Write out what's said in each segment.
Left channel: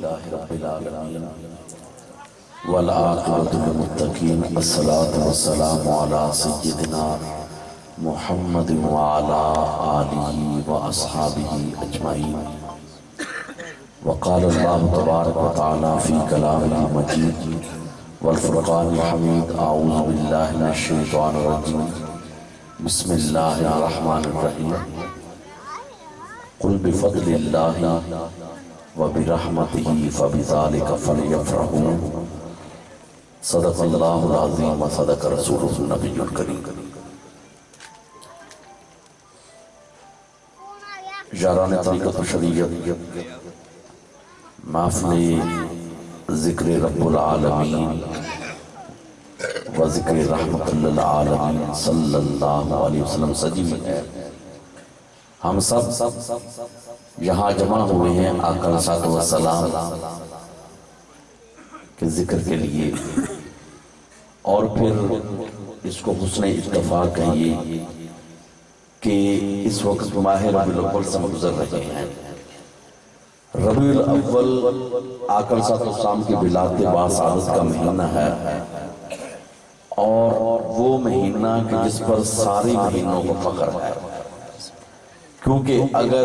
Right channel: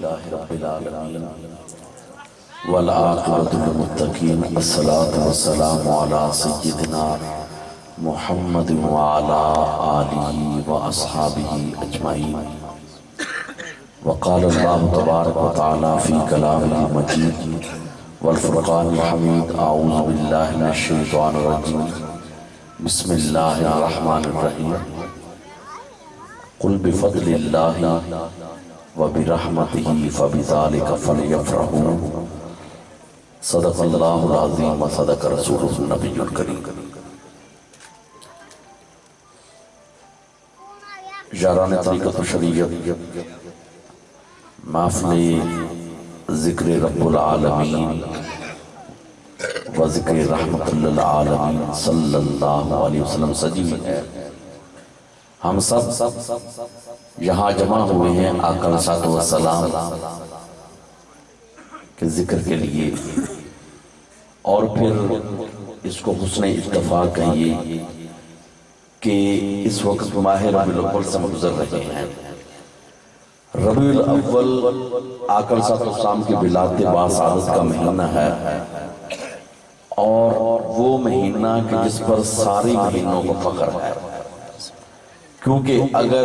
لله رب العالمين والعاقبة للمتقين الصلاة والسلام على سيدنا محمد وعلى آله وأصحابه أجمعين. وقال الله تبارك وتعالى في كلامه المجيد والفرقان الحميد: أعوذ بالله من الشيطان الرجيم بسم الله الرحمن الرحيم قل بفضل الله وبرحمته فبذلك فليفرحوا صدق الله العظيم وصدق رسوله النبي الكريم. یاران طریقت و شریعت، محفل ذکر رب العالمین و ذکر رحمت للعالمین صلی اللہ علیہ وسلم سجی ہے. ہم سب یہاں جمع ہوئے ہیں آقا علیہ الصلوۃ والسلام کے ذکر کے لیے، اور پھر اس کو حسن اتفاق کہیے کہ اس وقت ماہ ربیع الاول سے گزر رہے ہیں. ربیع الاول آقا علیہ الصلوۃ والسلام کی ولادت باسعادت کا مہینہ ہے، اور وہ مہینہ کہ جس پر ساری مہینوں کو فخر ہے، کیونکہ اگر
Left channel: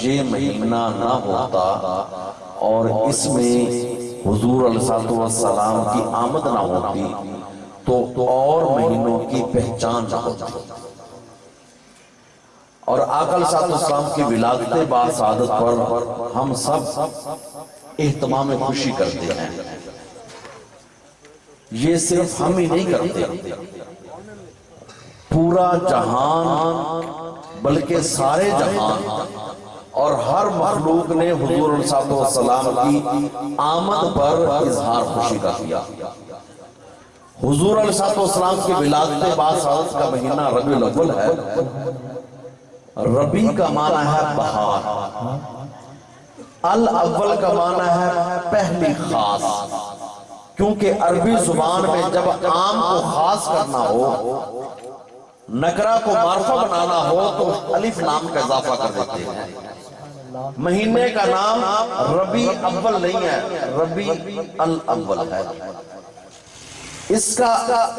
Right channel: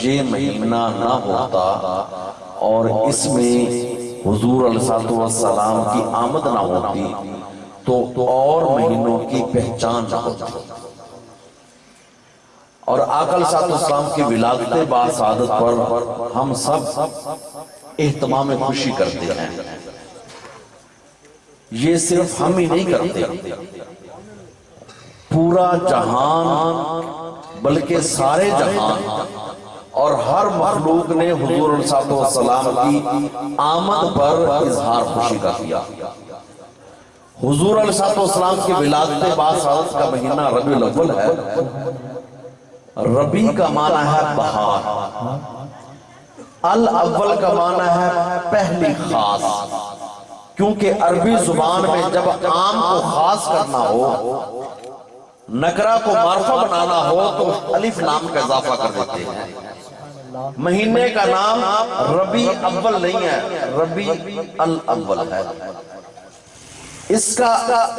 یہ مہینہ نہ ہوتا اور اس میں حضور علیہ الصلوۃ والسلام کی آمد نہ ہوتی تو اور مہینوں کی پہچان نہ ہوتی. اور آقا علیہ الصلوۃ والسلام کی ولادت باسعادت پر ہم سب اہتمام خوشی کرتے ہیں. یہ صرف ہم ہی نہیں کرتے، پورا جہان بلکہ سارے جہان اور ہر مخلوق نے حضور علیہ الصلوۃ والسلام کی آمد پر اظہار خوشی کا کیا. حضور علیہ الصلوۃ والسلام کی ولادت باسعادت کا مہینہ ربیع الاول ہے. ربیع کا معنی ہے بہار، الاول کا معنی ہے پہلی خاص، کیونکہ عربی زبان میں جب عام کو خاص کرنا ہو، نکرہ کو معرفہ بنانا ہو تو الف لام کا اضافہ کر دیتے ہیں. مہینے کا نام ربیع اول نہیں ہے، ربیع الاول ہے. اس کا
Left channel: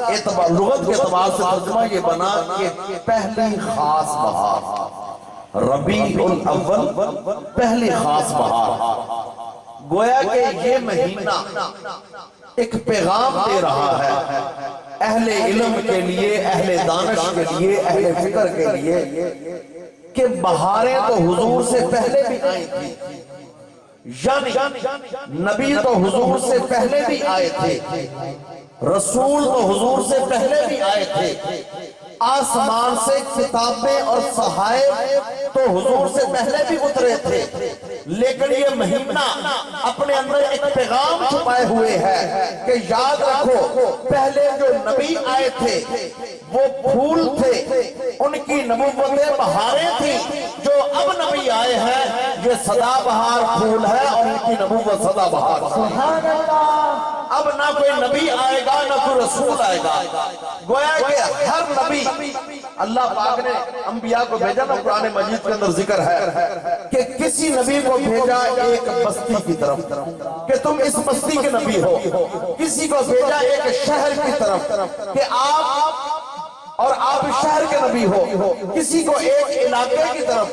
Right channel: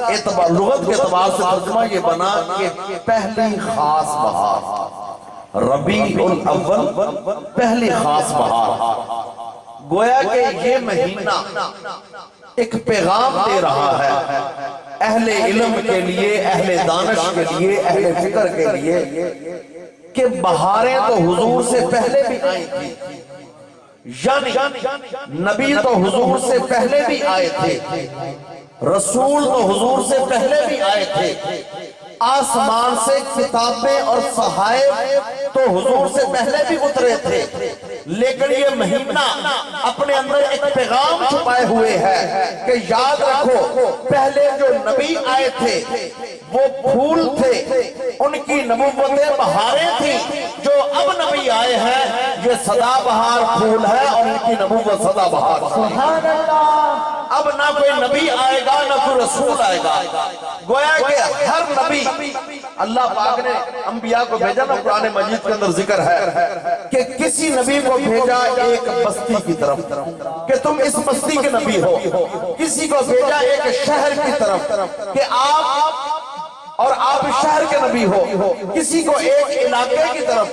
اعتبار لغت کے اعتبار سے ترجمہ یہ بنا کہ پہلی خاص بہار. ربیع الاول پہلی خاص بہار. گویا کہ یہ مہینہ ایک پیغام دے رہا ہے اہل علم کے لیے، اہل دانش کے لیے، اہل فکر کے لیے، کہ بہاریں تو حضور سے پہلے بھی آئی تھی، یعنی نبی تو حضور سے پہلے بھی آئے تھے، رسول تو حضور سے پہلے بھی آئے تھے، آسمان سے کتابیں اور صحائف تو حضور سے پہلے بھی اترے تھے. لیکن یہ مہینہ اپنے اندر ایک پیغام چھپائے ہوئے ہے کہ یاد رکھو پہلے جو نبی آئے تھے وہ پھول تھے، ان کی نبوتیں بہاریں تھیں. جو اب نبی آئے ہیں یہ سدا بہار پھول ہے اور ان کی نبوت سدا بہار. سبحان اللہ. اب نہ کوئی نبی آئے گا نہ کوئی رسول آئے گا. گویا کہ ہر نبی، اللہ پاک نے انبیاء کو بھیجا نا، قرآن مجید کے اندر ذکر ہے کہ کسی نبی کو بھیجا ایک بستی کی طرف کہ تم اس بستی کے نبی ہو، کسی کو بھیجا ایک شہر کی طرف کہ آپ اس شہر کے نبی ہو، کسی کو ایک علاقے کی طرف،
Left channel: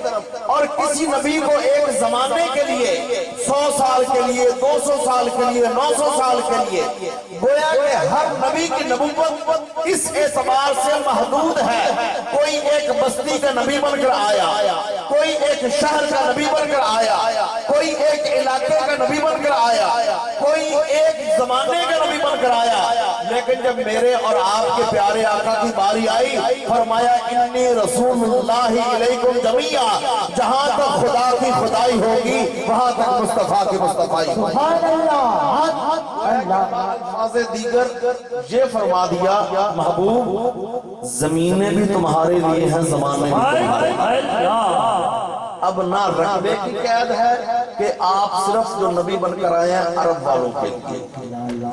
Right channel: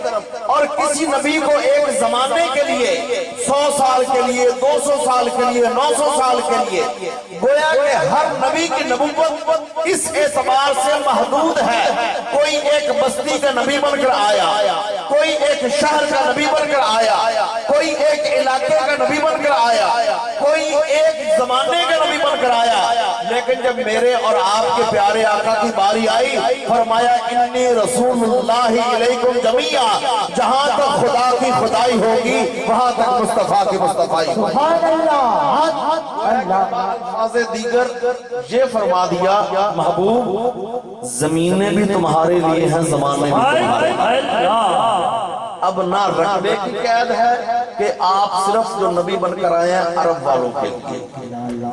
اور کسی نبی کو ایک زمانے کے لیے، 100 سال کے لیے، 200 سال کے لیے، 900 سال کے لیے. گویا کہ ہر نبی کی نبوت اس اعتبار سے محدود ہے. کوئی ایک بستی کا نبی بن کر آیا، کوئی ایک شہر کا نبی بن کر آیا، کوئی ایک علاقے کا نبی بن کر آیا، کوئی ایک زمانے کا نبی بن کر آیا. لیکن جب میرے اور آپ کے پیارے آقا کی باری آئی، فرمایا انی رسول اللہ علیکم جمیعا، جہاں تک خدا کی خدائی ہوگی وہاں تک مصطفیٰ کی مصطفائی. سبحان اللہ. الفاظ دیگر یہ فرما دیا محبوب زمینیں بھی تمہارے لیے ہیں، زمانے بھی تمہارے لیے. اب نہ رقبے کی قید ہے کہ آپ صرف جو نبی بن کر آئے ہیں عرب والوں کے لیے،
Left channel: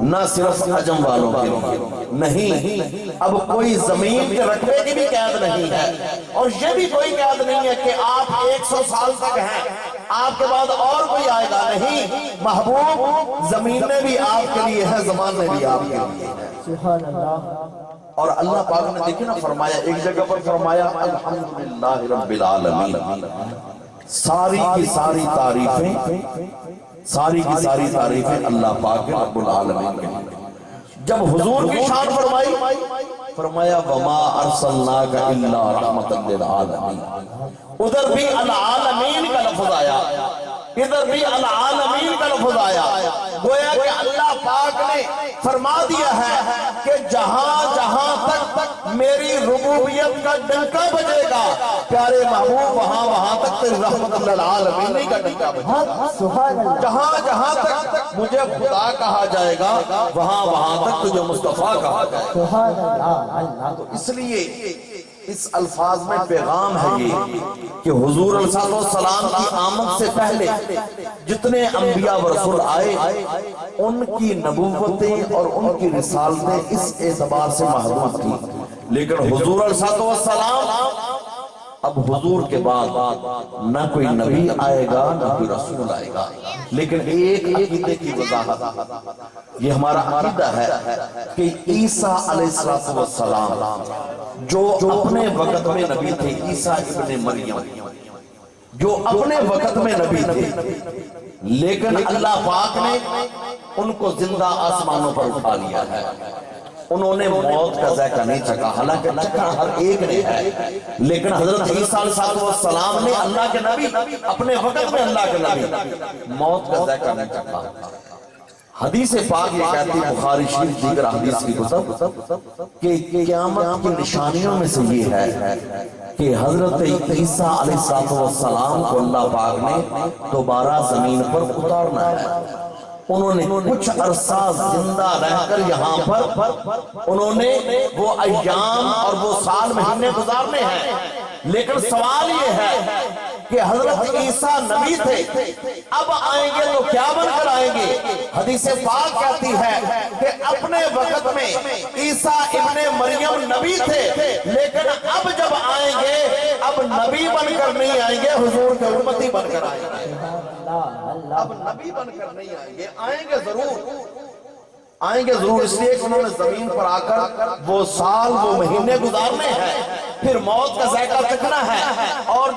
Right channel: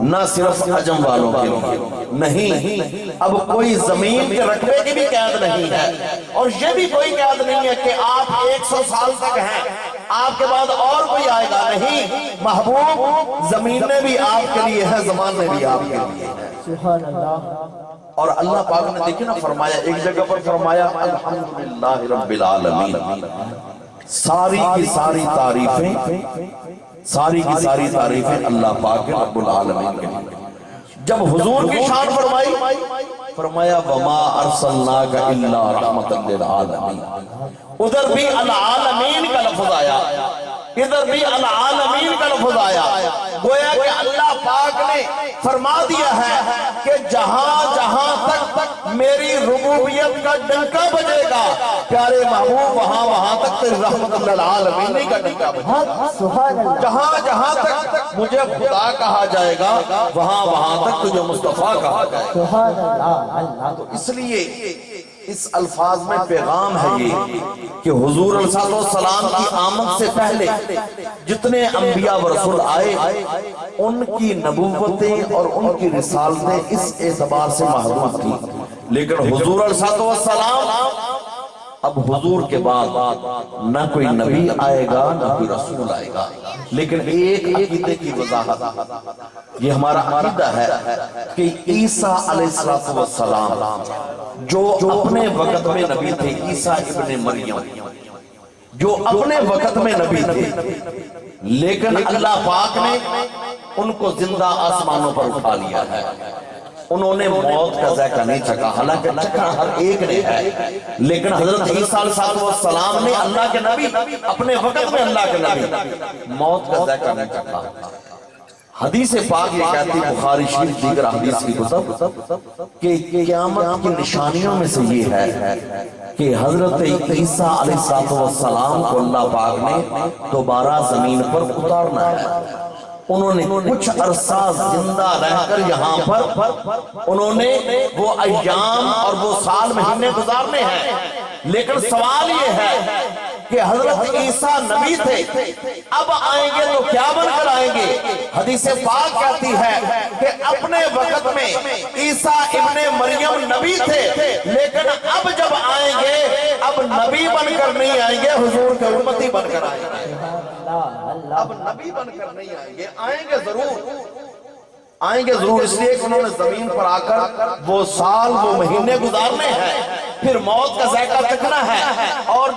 نہ صرف عجم والوں کے لیے، نہیں. اب کوئی زمین کے رقبے کی بھی قید نہیں ہے، اور یہ بھی کوئی قید نہیں ہے کہ آپ 100 سال تک ہیں آپ کے بعد اور کوئی آئے گا نہیں، محبوب زمین میں بھی آپ کے لیے ہے، زمان میں بھی آپ کے لیے ہے۔ سبحان اللہ۔ اور اللہ پاک نے دیکھیں نا فرمایا، ایک جگہ پر فرمایا الحمدللہ رب العالمین، ساری کی ساری تعریفیں اللہ پاک رب العالمین کے لیے۔ جب حضور کی شان فرمائی، فرمایا وما ارسلناک الا رحمتا للعالمین، ادھر بھی العالمین کا لفظ آیا، ادھر بھی العالمین کا لفظ آیا، گویا کہ اللہ پاک نے فرما دیا ہے کہ جہاں جہاں تک میری ربوبیت کا ڈنکا بجے گا پیارے محبوب، وہاں وہاں تک تیری رحمت للعالمین کا ڈنکا بجے گا۔ سبحان اللہ۔ جہاں جہاں تک مجھے خدا کہا جائے گا وہاں وہاں تک تجھے مصطفیٰ کہا جائے گا۔ سبحان اللہ۔ اللہ تو اس لیے اس الفاظ میں پیغام ہے یہ کہ حضور علیہ السلام کی آمد سے پہلے جتنے انبیاء و رسول آئے ان کی نبوتیں اور ان کی رسالتیں اس اعتبار سے محدود تھیں، لیکن حضور علیہ السلام اب حضور کے بعد نہ کوئی نبی آئے گا نہ کوئی رسول آئے گا، لیکن ایک عقیدے کی وضاحت یہ ہمارا عقیدہ ہے کہ عیسیٰ علیہ السلام جو اپنے وقت میں نبی تھے، عیسیٰ ابن مریم جو اپنے وقت میں نبی تھے، لیکن اللہ پاک نے ان کو زندہ آسمانوں پر اٹھا لیا ہے۔ انہوں نے موت کا ذائقہ نہیں چکھا، حالانکہ چکھا ہر ایک نے ہے، لیکن حضرت عیسیٰ علیہ السلام نے اللہ کے نبی، اپنے وقت میں اللہ کے نبی، موت کا ذائقہ نہیں چکھا۔ حدیث پاک یہ کہتی ہے، بخاری شریف دیگر حدیث کی کتب، کہ قیامت کی نشانیوں میں سے یہ ہے کہ حضرت عیسیٰ علیہ السلام کو اللہ پاک نے دوبارہ زمین پر اتارنا ہے۔ انہوں نے کچھ عرصہ زندہ رہ کر یہاں پر انہوں نے وہ ایام اور وہ سال مہینے گزارنے ہیں، لیکن سوال یہ ہے کہ حضرت عیسیٰ نبی تھے، اب آئیں گے تو کیا بن کر آئیں گے؟ حدیث پاک کہتی ہے کہ اپنے وقت میں عیسیٰ ابن مریم نبی تھے، لیکن اب جب آئیں گے اب نبی بن کر نہیں آئیں گے، حضور کے امتی بن کر آئیں گے۔ اب نبی بن کر نہیں آئیں گے، آئیں گے ضرور، اس لیے کہ انہوں نے زمین پر آ کر وہ سال وہ مہینے گزارنے ہیں، پھر موت کا ذائقہ چکھنا ہے، اور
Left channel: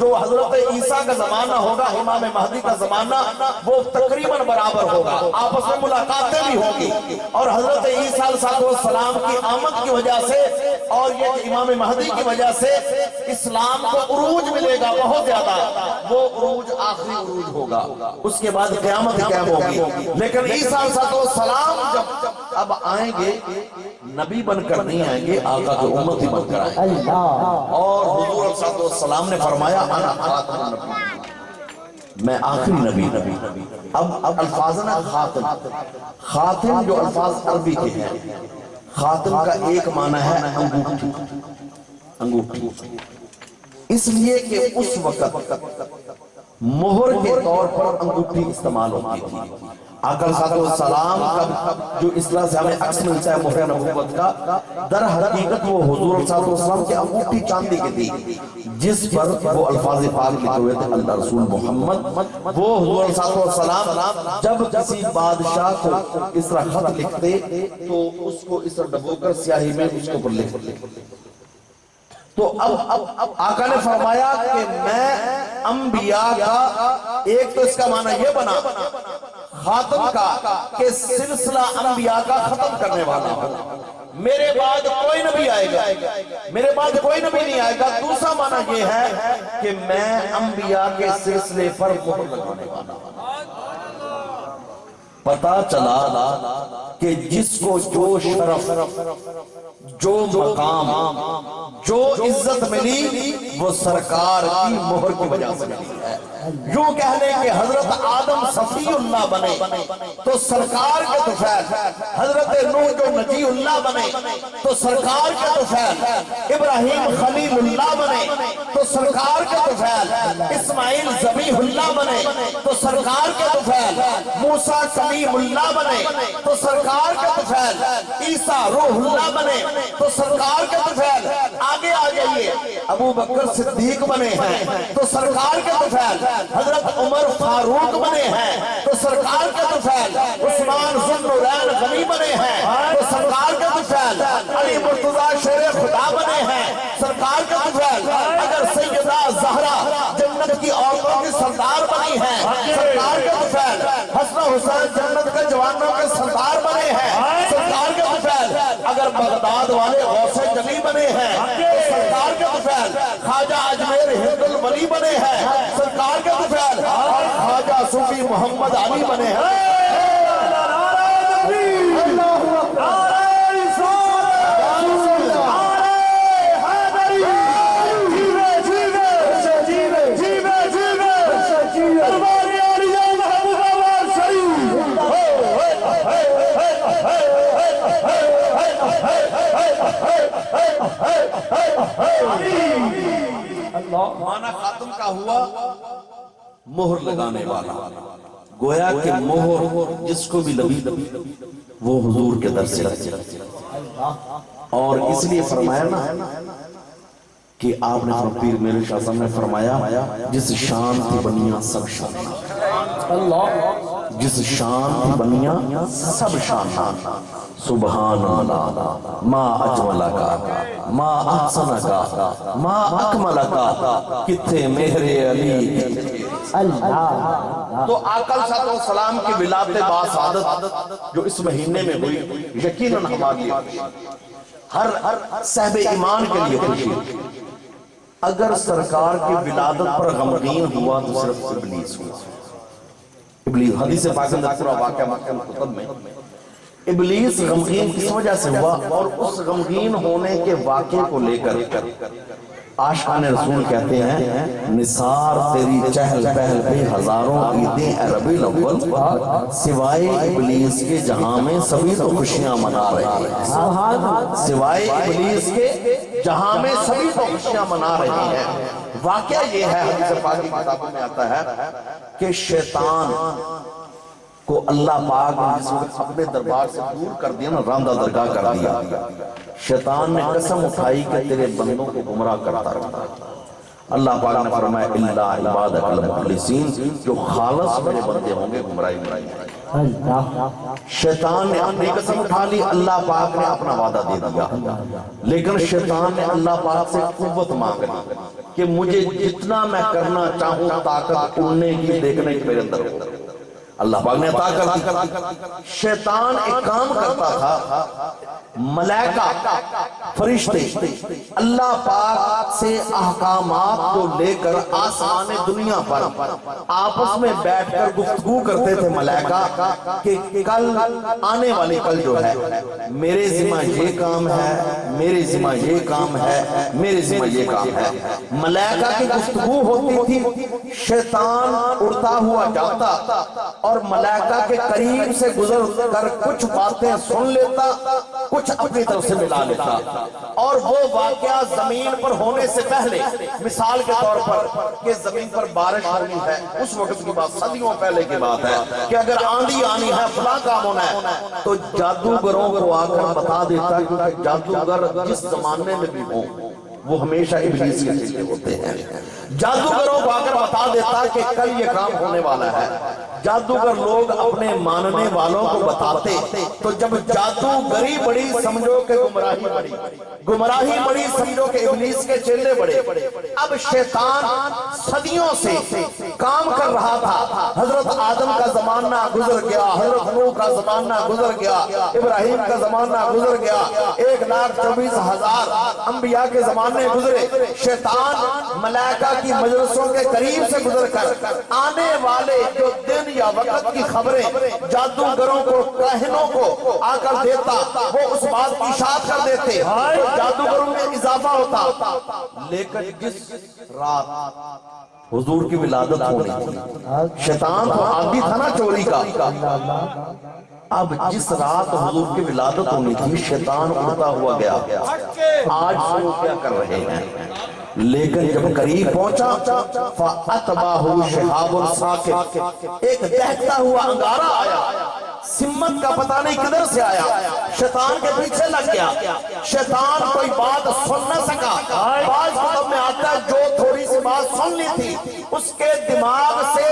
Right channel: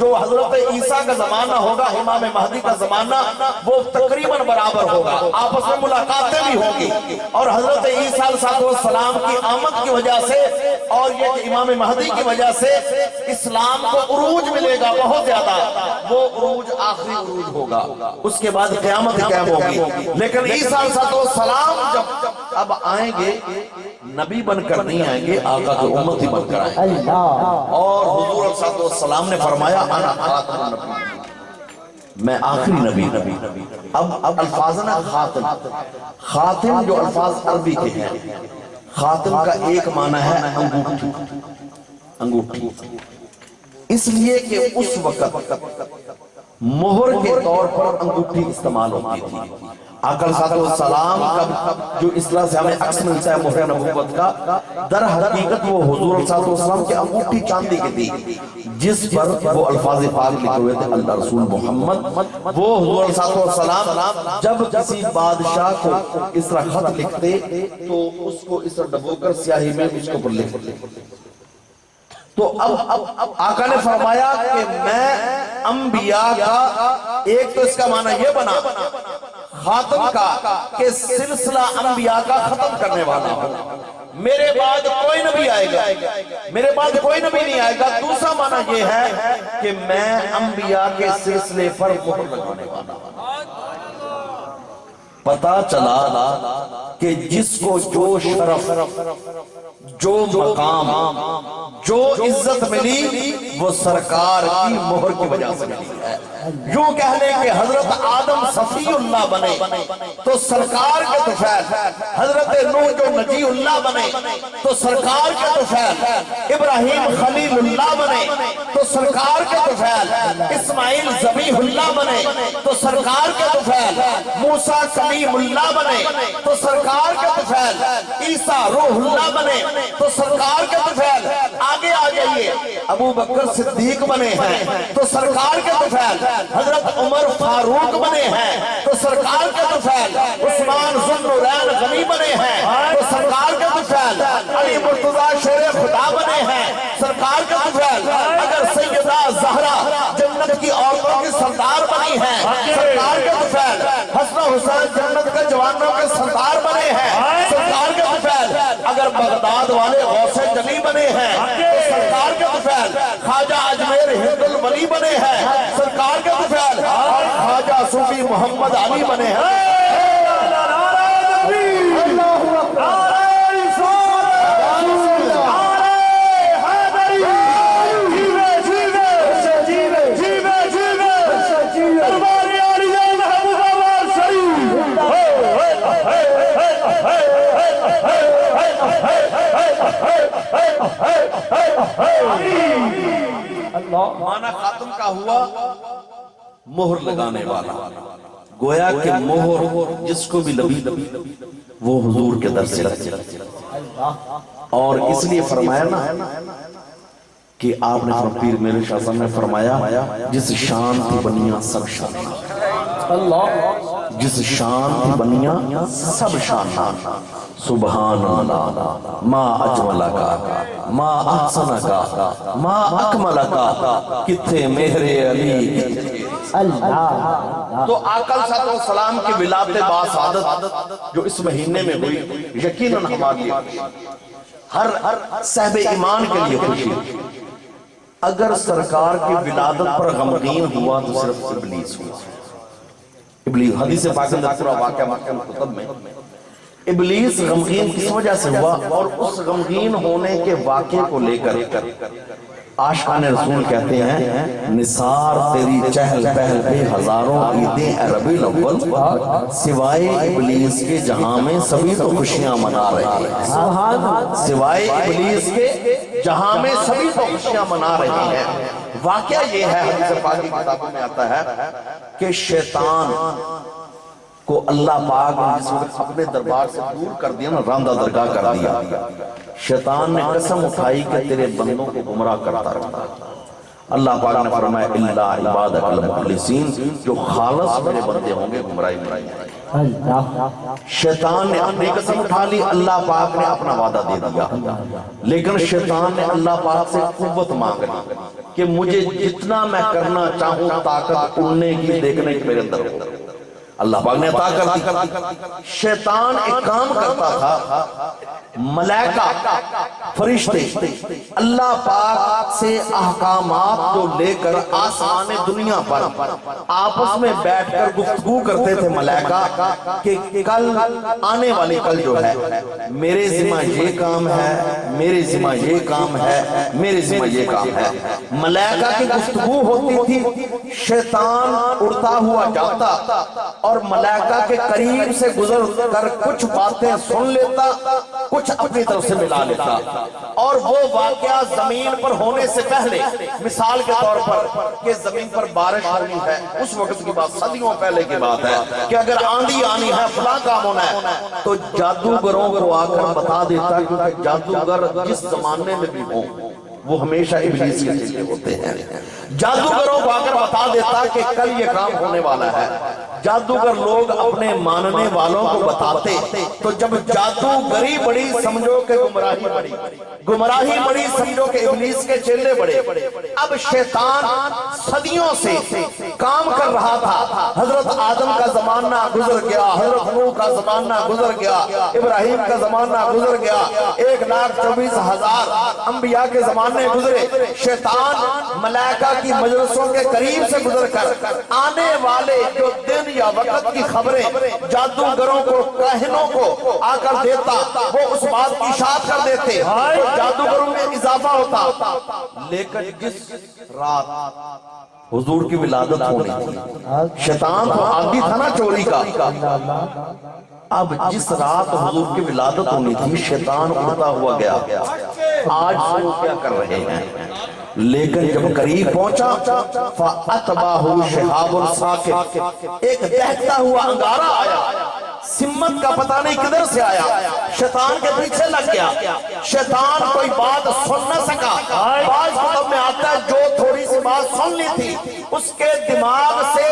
جو حضرت عیسیٰ کا زمانہ ہوگا، امام مہدی کا زمانہ، وہ تقریباً برابر ہوگا، آپس میں ملاقاتیں بھی ہوں گی، اور حضرت عیسیٰ علیہ السلام کی آمد کی وجہ سے اور یہ کہ امام مہدی کی وجہ سے اسلام کو عروج ملے گا بہت زیادہ، وہ عروج آخری عروج ہوگا، اس کے بعد قیامت قائم ہوگی۔ لیکن عیسیٰ علیہ السلام جب اب آئیں گے نبی بن کر نہیں آئیں گے، آقا کے امتی بن کر آئیں گے۔ اور حضور علیہ السلام نے فرمایا انا خاتم النبی، میں آخری نبی۔ اب الفاظ نا خاتم جو الفاظ عربی کے ہیں، خاتم کا ایک معنی ہے انگوٹھی، اس لیے کہ اس وقت مہر کے طور پر انگوٹھی استعمال ہوتی تھی۔ آقا صلی اللہ علیہ وسلم کا جو اصطلاح سے ہمیں عکس ملتا ہے مہر نبوت کا، در حقیقت وہ حضور صلی اللہ علیہ وسلم کی انگوٹھی چاندی کی تھی، جس پر وہ الفاظ پاک لکھے ہوئے تھے اللہ رسول محمد۔ وہ حضور صلی اللہ علیہ وسلم جب کسی بادشاہ کو اس طرح خط لکھتے تو اس کو اس طرح ڈبو کر سیاہی میں اس کو پر لکھتے۔ تو اب آقا نے فرمایا کہ میں انبیاء کا، ایک تو اس کا معنی یہ بنا خاتم کا کہ سلسلہ انبیاء کا ختم کرنے والا ہوں، میرے بعد کوئی نبی آئے گا، میرے بعد کوئی نبی نہیں آئے گا۔ دوسرا معنی یہ ہے کہ میں انبیاء کے سلسلے پر مہر لگانے والا ہوں۔ پتا چلا کہ جس کو جو شرف، جو مقام، جو عزت ملی وہ سرکار کی مہر کی وجہ سے ملی ہے۔ یوں کہہ لیں کہ حضرت آدم صفی اللہ بنے تو سرکار کے طفیل، حضرت نوح جو نجی اللہ بنے تو سرکار کے طفیل، ابراہیم خلیل اللہ بنے تو سرکار کے طفیل، اسماعیل ذبیح اللہ بنے تو سرکار کے طفیل، موسیٰ کلیم اللہ بنے تو سرکار کے طفیل، عیسیٰ روح اللہ بنے تو سرکار کے طفیل، آگے آگے آ جائیے، ابو بکر صدیق بنے ہیں تو سرکار کے طفیل، حضرت عمر فاروق بنے ہیں تو سرکار کے طفیل، عثمان ذوالنورین غنی بنے ہیں تو سرکار کے طفیل، علی مرتضی شیر خدا بنے ہیں سرکار کے طفیل، اگر سیدہ زہرا جنت کی عورتوں کی سردار بنی ہیں سرکار کے طفیل، حسن حسین جنت کے جوانوں کے سردار بنے ہیں سرکار کے طفیل، اگر بغداد والے غوث جلی بنے ہیں تو سرکار کے طفیل، خواجہ اجمیر ہند الولی بنے ہیں سرکار کے طفیل، اور خواجہ صوفی محمد علی بنے ہیں۔ معنی خاتم کا ہوا مہر لگانے والا، گویا کہ مہر جس کو بھی لگی وہ حضور کے در سے لگی، اور اس لیے فرمایا نا کہ آپ نے پیر میرے شاہ صاحب نے فرمایا جس شان تھی بنیاں سب شان، جس شان تھی بنیاں سب شان، سبحان اللہ ما اجمل کا ما احسن کا ما اکمل کا، کتھے مہر علی اللہ۔ تو آقا صلی اللہ علیہ وسلم کی ولادت باسعادت جو اس مہینے میں ہوئی، یقیناً ہماری ہر صاحب ایمان کے لیے خوشی۔ اگر سرکار کی ولادت پر غمگین ہوا تو صرف ابلیس ہوا۔ ابلیس حدیث پاک میں پورا واقعہ محکم کتب میں، ابلیس غمگین کس وجہ سے ہوا، اور اس غمگین ہونے کے واقعے کو لے کر عاشقان رسول کہتے ہیں نثار تیری چہل پہل پہ ہزاروں عیدیں اے ربیع الاول، سوائے ابلیس کے جہاں میں سبھی تو خوشیاں منا رہے ہیں، سوائے ابلیس کے جہاں میں سبھی تو خوشیاں منا رہے ہیں۔ واقعہ یہ ہے، حدیث پاک کی کتابوں میں آتا ہے کہ شیطان کو اللہ پاک نے جس وقت اپنے دربار سے دور کر دیا نا، راندہ درگاہ کر دیا، شیطان نے قسم اٹھائی کہ تیرے بندوں کو گمراہ کرتا رہتا۔ اللہ پاک نے فرمایا الا عبادک المخلصین، جو خالص میرے بندے ہوں گے گمراہی نہیں۔ شیطان نے اپنی قسم اٹھا لی، اللہ پاک نے اپنا وعدہ دے دیا، لیکن شیطان نے اللہ پاک سے قوت مانگ لی کہ مجھے جتنا میں کرنا چاہوں طاقت اڑنے کی دیکھنے کی میرے اندر ہو۔ اللہ پاک نے عطا کر دی۔ شیطان ایک کام کرتا تھا، ملائکہ فرشتے اللہ پاک سے احکامات کو لے کر آسمان دنیا پر آپس میں بیٹھ کر گفتگو کرتے تھے ملائکہ کہ کل آنے والی کل جو ہے میرے ذمہ یہ کام ہے، میرے ذمہ یہ کام ہے، میرے ذمہ یہ کام ہے۔ ملائکہ کی گفتگو ہوتی تھی، شیطان اڑتا ہوا جاتا اور ملائکہ کے قریب سے گزر کر کچھ باتیں سن لیتا، کچھ اپنی طرف سے ملا لیتا، اور وہ واقعہ زمین پر ہونے سے پہلے، مثال کے طور پر کہ زمین پر بارش ہونی ہے، اس وقت کی بات صدیوں پہلے کی بات ہے کہ اگر آندھی آنی ہے فلاں کام ہونا ہے، تو جادوگروں کو آ کر بتا دیتا، کیونکہ جادوگر جس زمانے میں بھی ہوں وہ ہمیشہ ابلیس کے چیلے ہوتے ہیں۔ جادوگروں کو آ کر بتا دیتا کہ کل یہ کام ہونے والا ہے۔ جادوگر لوگ اپنے ماننے والوں کو بتاتے، تو جب جادوگری بڑی سمجھو کہ گمراہی بڑی، گمراہی بڑی سمجھو کہ ابلیس کے چیلے بڑے۔ اب شیطان صدیوں سے کام کر رہا تھا، حضرت آدم کا زمانہ گزر گیا، حضرت نوح کا زمانہ گزر گیا، ابراہیم کا زمانہ گزر گیا، 1,24,000 انبیاء کے زمانے گزرے۔ شیطان ملائکہ کی مجلسوں کے قریب سے گزر کر آنے والے جو دن یا وقت کی خبریں جادوگروں کو، کاہنوں کو آ کر دیتا، وہ اس بات کی اشاعت کر دیتے، جادوگروں میں اضافہ ہوتا۔ لیکن جس رات حضور کی ولادت ہونی تھی، شیطان تو عادی تھا نا چوری کا، اب جس رات حضور کی ولادت ہونی تھی شیطان اڑتا ہوا گیا، آج سنو کیا کر رہے ہیں۔ لیکن جب قریب پہنچا فَأَتْبَعَهُ شِهَابٌ ثَاقِبٌ، ایک دہتا ہوا انگارہ آیا، سمت کا پتہ نہیں کدھر سے آیا، شیطان کے پیچھے لگ گیا، شیطان کوئی بات سن نہ سکا۔ بعض کتب میں آتا ہے جو تھوڑی سی بات سن لی تھی اس کے دماغ سے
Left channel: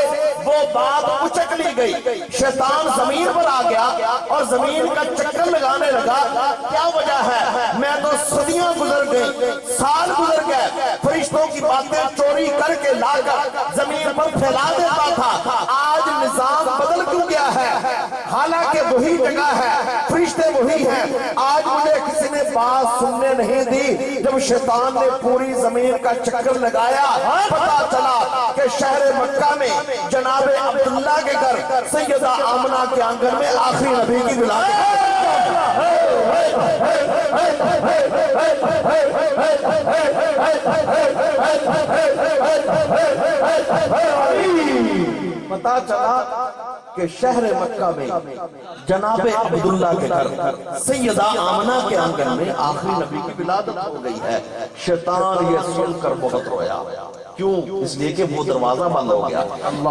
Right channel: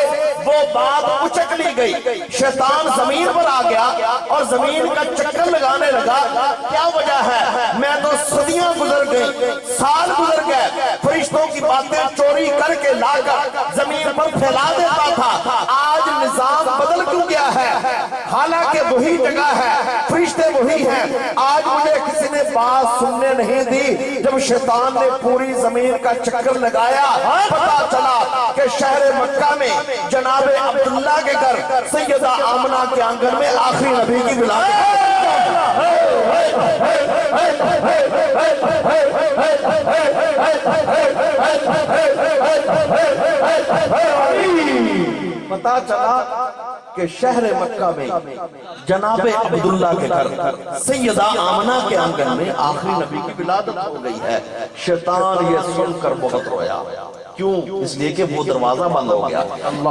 وہ بات اچک لی گئی، شیطان زمین پر آ گیا اور زمین کا چکر لگانے لگا۔ کیا وجہ ہے؟ میں تو صدیاں گزر گئی، سال گزر گئے، فرشتوں کی باتیں چوری کر کے لا کر زمین پر پھیلا دیتا تھا، آج نظام بدل کیوں گیا ہے؟ حالانکہ وہی جگہ ہے، فرشتے وہی ہیں، آج مجھے کسی نے بات سننے نہیں دی۔ جب شیطان نے پوری زمین کا چکر لگایا، پتا چلا کہ شہر مکہ میں جناب عبداللہ کے گھر سیدہ آمنہ کے آنگن میں آخری نبی کی ولادت۔ پتا چلا کہ شہر مکہ میں جناب عبداللہ کے گھر سیدہ آمنہ کے آنگن میں آخری نبی کی ولادت ہو گئی ہے۔ شیطان یہ سن کر بہت رویا، کیوں؟ اس لیے کہ وہ دروازہ بند ہو گیا۔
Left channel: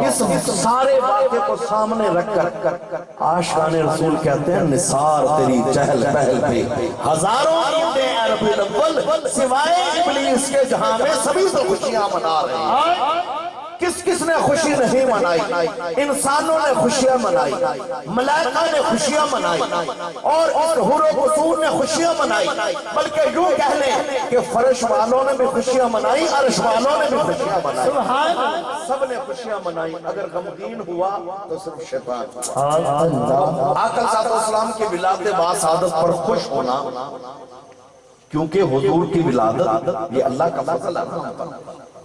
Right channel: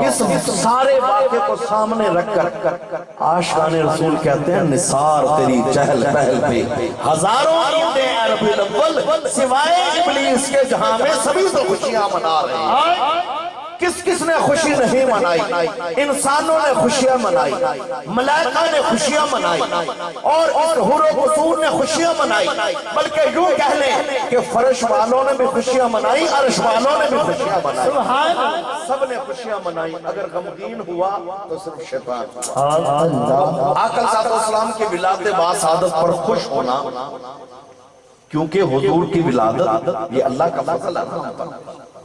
اس سارے واقعے کو سامنے رکھ کر عاشقان رسول کہتے ہیں نثار تیری چہل پہل پہ ہزاروں عیدیں عرب الاول سوائے ابلیس کے جہاں میں سبھی تو خوشیاں منا رہے ہیں۔ کس کس نے خوشی نہیں منائی؟ انسانوں نے خوشیاں منائی، ملائکہ نے خوشیاں منائی، اور اس حور و قصور نے خوشیاں منائی، بلکہ یوں کہہ لیں کہ فرش والوں نے بھی خوشیاں منائی، عرش والوں نے بھی خوشیاں منائی، سب نے خوشیاں منائی۔ اگر غمگین ہوا تو صرف شیطان۔ آقا صلی اللہ علیہ وسلم کی ولادت باسعادت پر خوش ہونا، کیونکہ حضور کی ولادت یہ اللہ کا فضل ہے،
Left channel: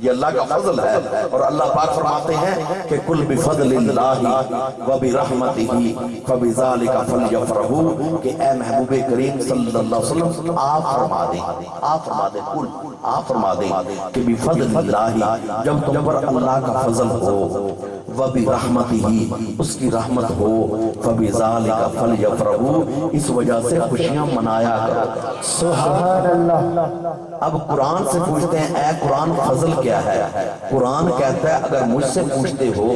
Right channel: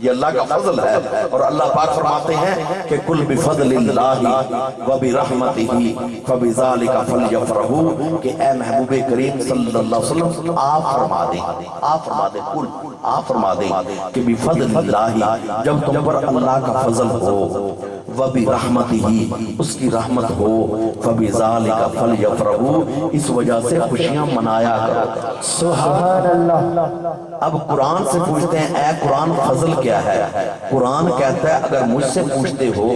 یہ اللہ کا فضل ہے، اور اللہ پاک فرماتے ہیں کہ کل بفضل اللہ وبرحمتہ فبذالک فلیفرحوا، کہ اے محبوب کریم صلی اللہ علیہ وسلم آپ فرما دیں کل آپ فرما دیں کہ بفضل اللہ، جب تم پر اللہ کا فضل ہو، وبرحمتہ اس کی رحمت ہو، فبذالک فلیفرحوا اس وجہ سے خوشیاں منایا کرو۔ سبحان اللہ۔ اب قرآن سے پوچھتے ہیں اے قرآن فضل کیا ہے؟ قرآن کہتا ہے اگر مجھ سے پوچھتے ہو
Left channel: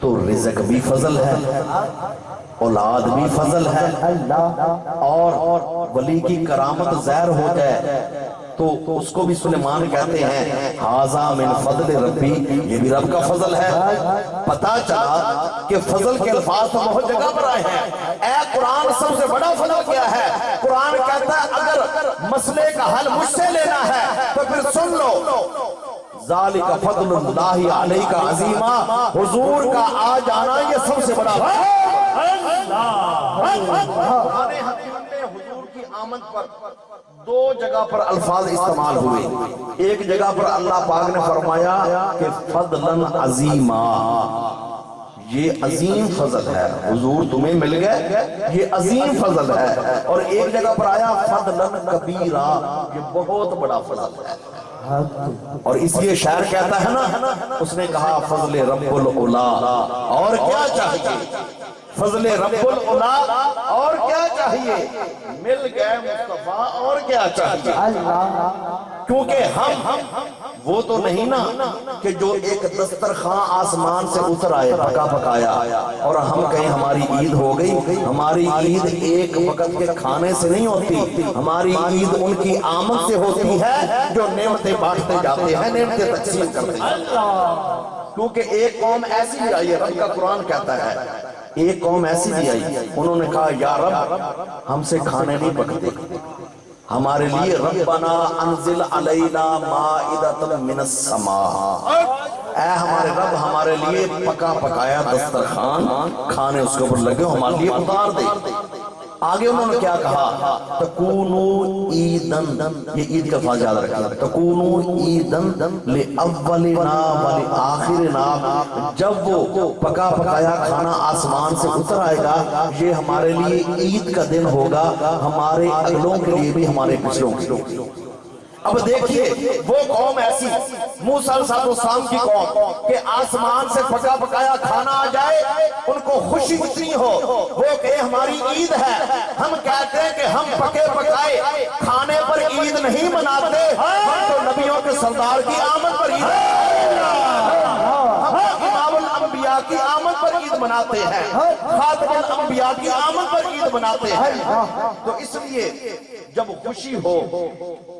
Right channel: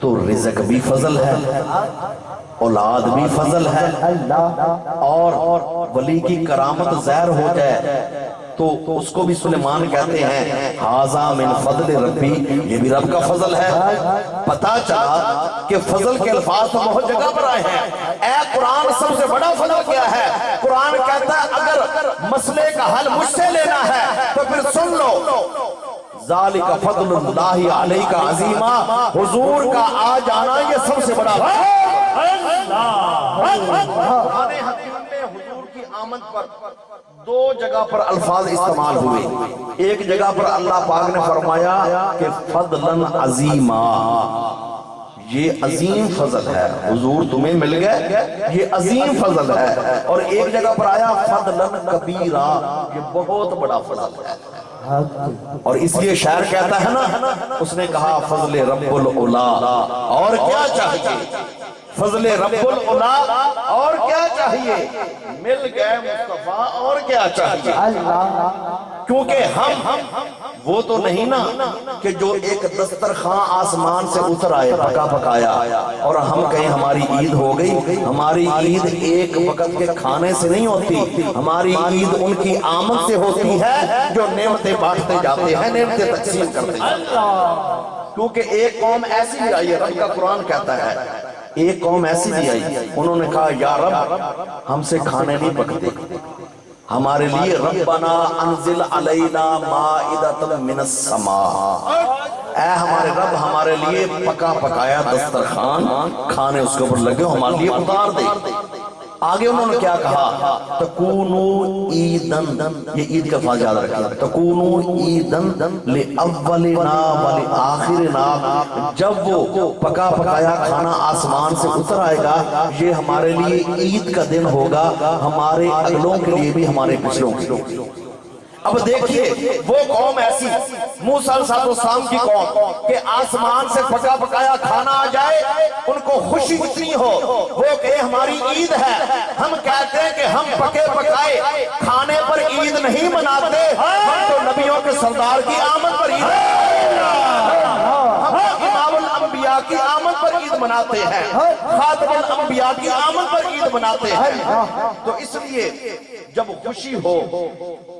تو رزق بھی فضل ہے، اولاد بھی فضل ہے، اور ولی کی کرامت ظاہر ہو جائے تو اس کو بھی سلیمان کہتے ہیں ھذا من فضل ربی، یہ بھی رب کا فضل ہے۔ پتا چلا کہ فضل کے الفاظ تو بہت جگہ پر آئے ہیں۔ اے قرآن سب سے بڑا فضل کیا ہے؟ قرآن کہتا ہے اگر مسئلے کا حل مجھ سے لینا ہے تو پھر سن لو، ذالک فضل اللہ علیک عظیما، حضور کا آ جانا یہ سب سے بڑا قرآن حکیم میں حضور کی آمد پر دو جگہ پر الفاظ استعمال ہوئے۔ ایک جگہ پر اللہ پاک نے فرمایا کہ فضلاً عظیما، یہ عظیم فضل ہے، حضور تمہیں مل گئے یہ عظیم فضل ہے، اور ایک جگہ پر آیا فضلاً کبیرا، یہ بہت بڑا فضل ہے۔ اور اس لیے شاعر کہتا ہے نا، اس نے کہا فضل رب العلا اور کیا چاہیے، فضل رب العلا اور کیا چاہیے، مل گئے مصطفیٰ اور کیا چاہیے۔ کیونکہ ہم وہ تو نہیں نا کہ جو ایک دسترخوان آسمان سے اتر آئے پکا پکایا اور ہم کہیں ہماری عید ہو گئی۔ ہماری عید ایک وقت کے کھانے سے نہیں ہوتی، ہماری عید ان کی آمد سے ہوتی ہے جو نعمتیں بانٹتے جاتے ہیں، نعمتیں تقسیم کرتے ہیں۔ کیونکہ ایک قوم ایسی بھی آئی ہے، رب کا قرآن کہتا ہے ایک قوم ایسی بھی آئی، انہوں نے کہا یا رب ہم سے کھانے نہیں پکتے، ہمارے لیے ربنا انزل علینا مائدۃ من السماء، اے ہمارے رب ہمارے لیے پکا پکایا دسترخوان کھانے اس کے اوپر لگے ہمارے لیے اتار دے۔ آگے انہوں نے کیا کہا، تکونو عیدن، یہ عید کا فاضل یاد رکھیں، تکونو عیدن لأولنا ولآخرنا، جب وہ پکا پکایا کھانا آسمان سے اتر آئے گا یہ ہمارے لیے عید کا دن ہوگا، ہمارے اگلوں کے لیے بھی ہمارے پچھلوں کے لیے۔ اب دیکھیے وہ قوم ایسی موسیٰ علیہ السلام کی قوم کہ آسمان سے پکا پکایا کھانا آ جائے ان کو خوشی اتنی ہو، وہ کہ ہماری عید ہے، ہم کہتے ہیں کہ ہم پکے پکائے کھانے پر عید نہیں مناتے، ہم تو نبیوں کے سردار کی آمد پر عید ہے۔ ہم امام الانبیاء انبیاء کی آمد پر عید مناتے ہیں، خاتم الانبیاء کی آمد پر عید مناتے ہیں۔ تو اس لیے جب خوشی ہو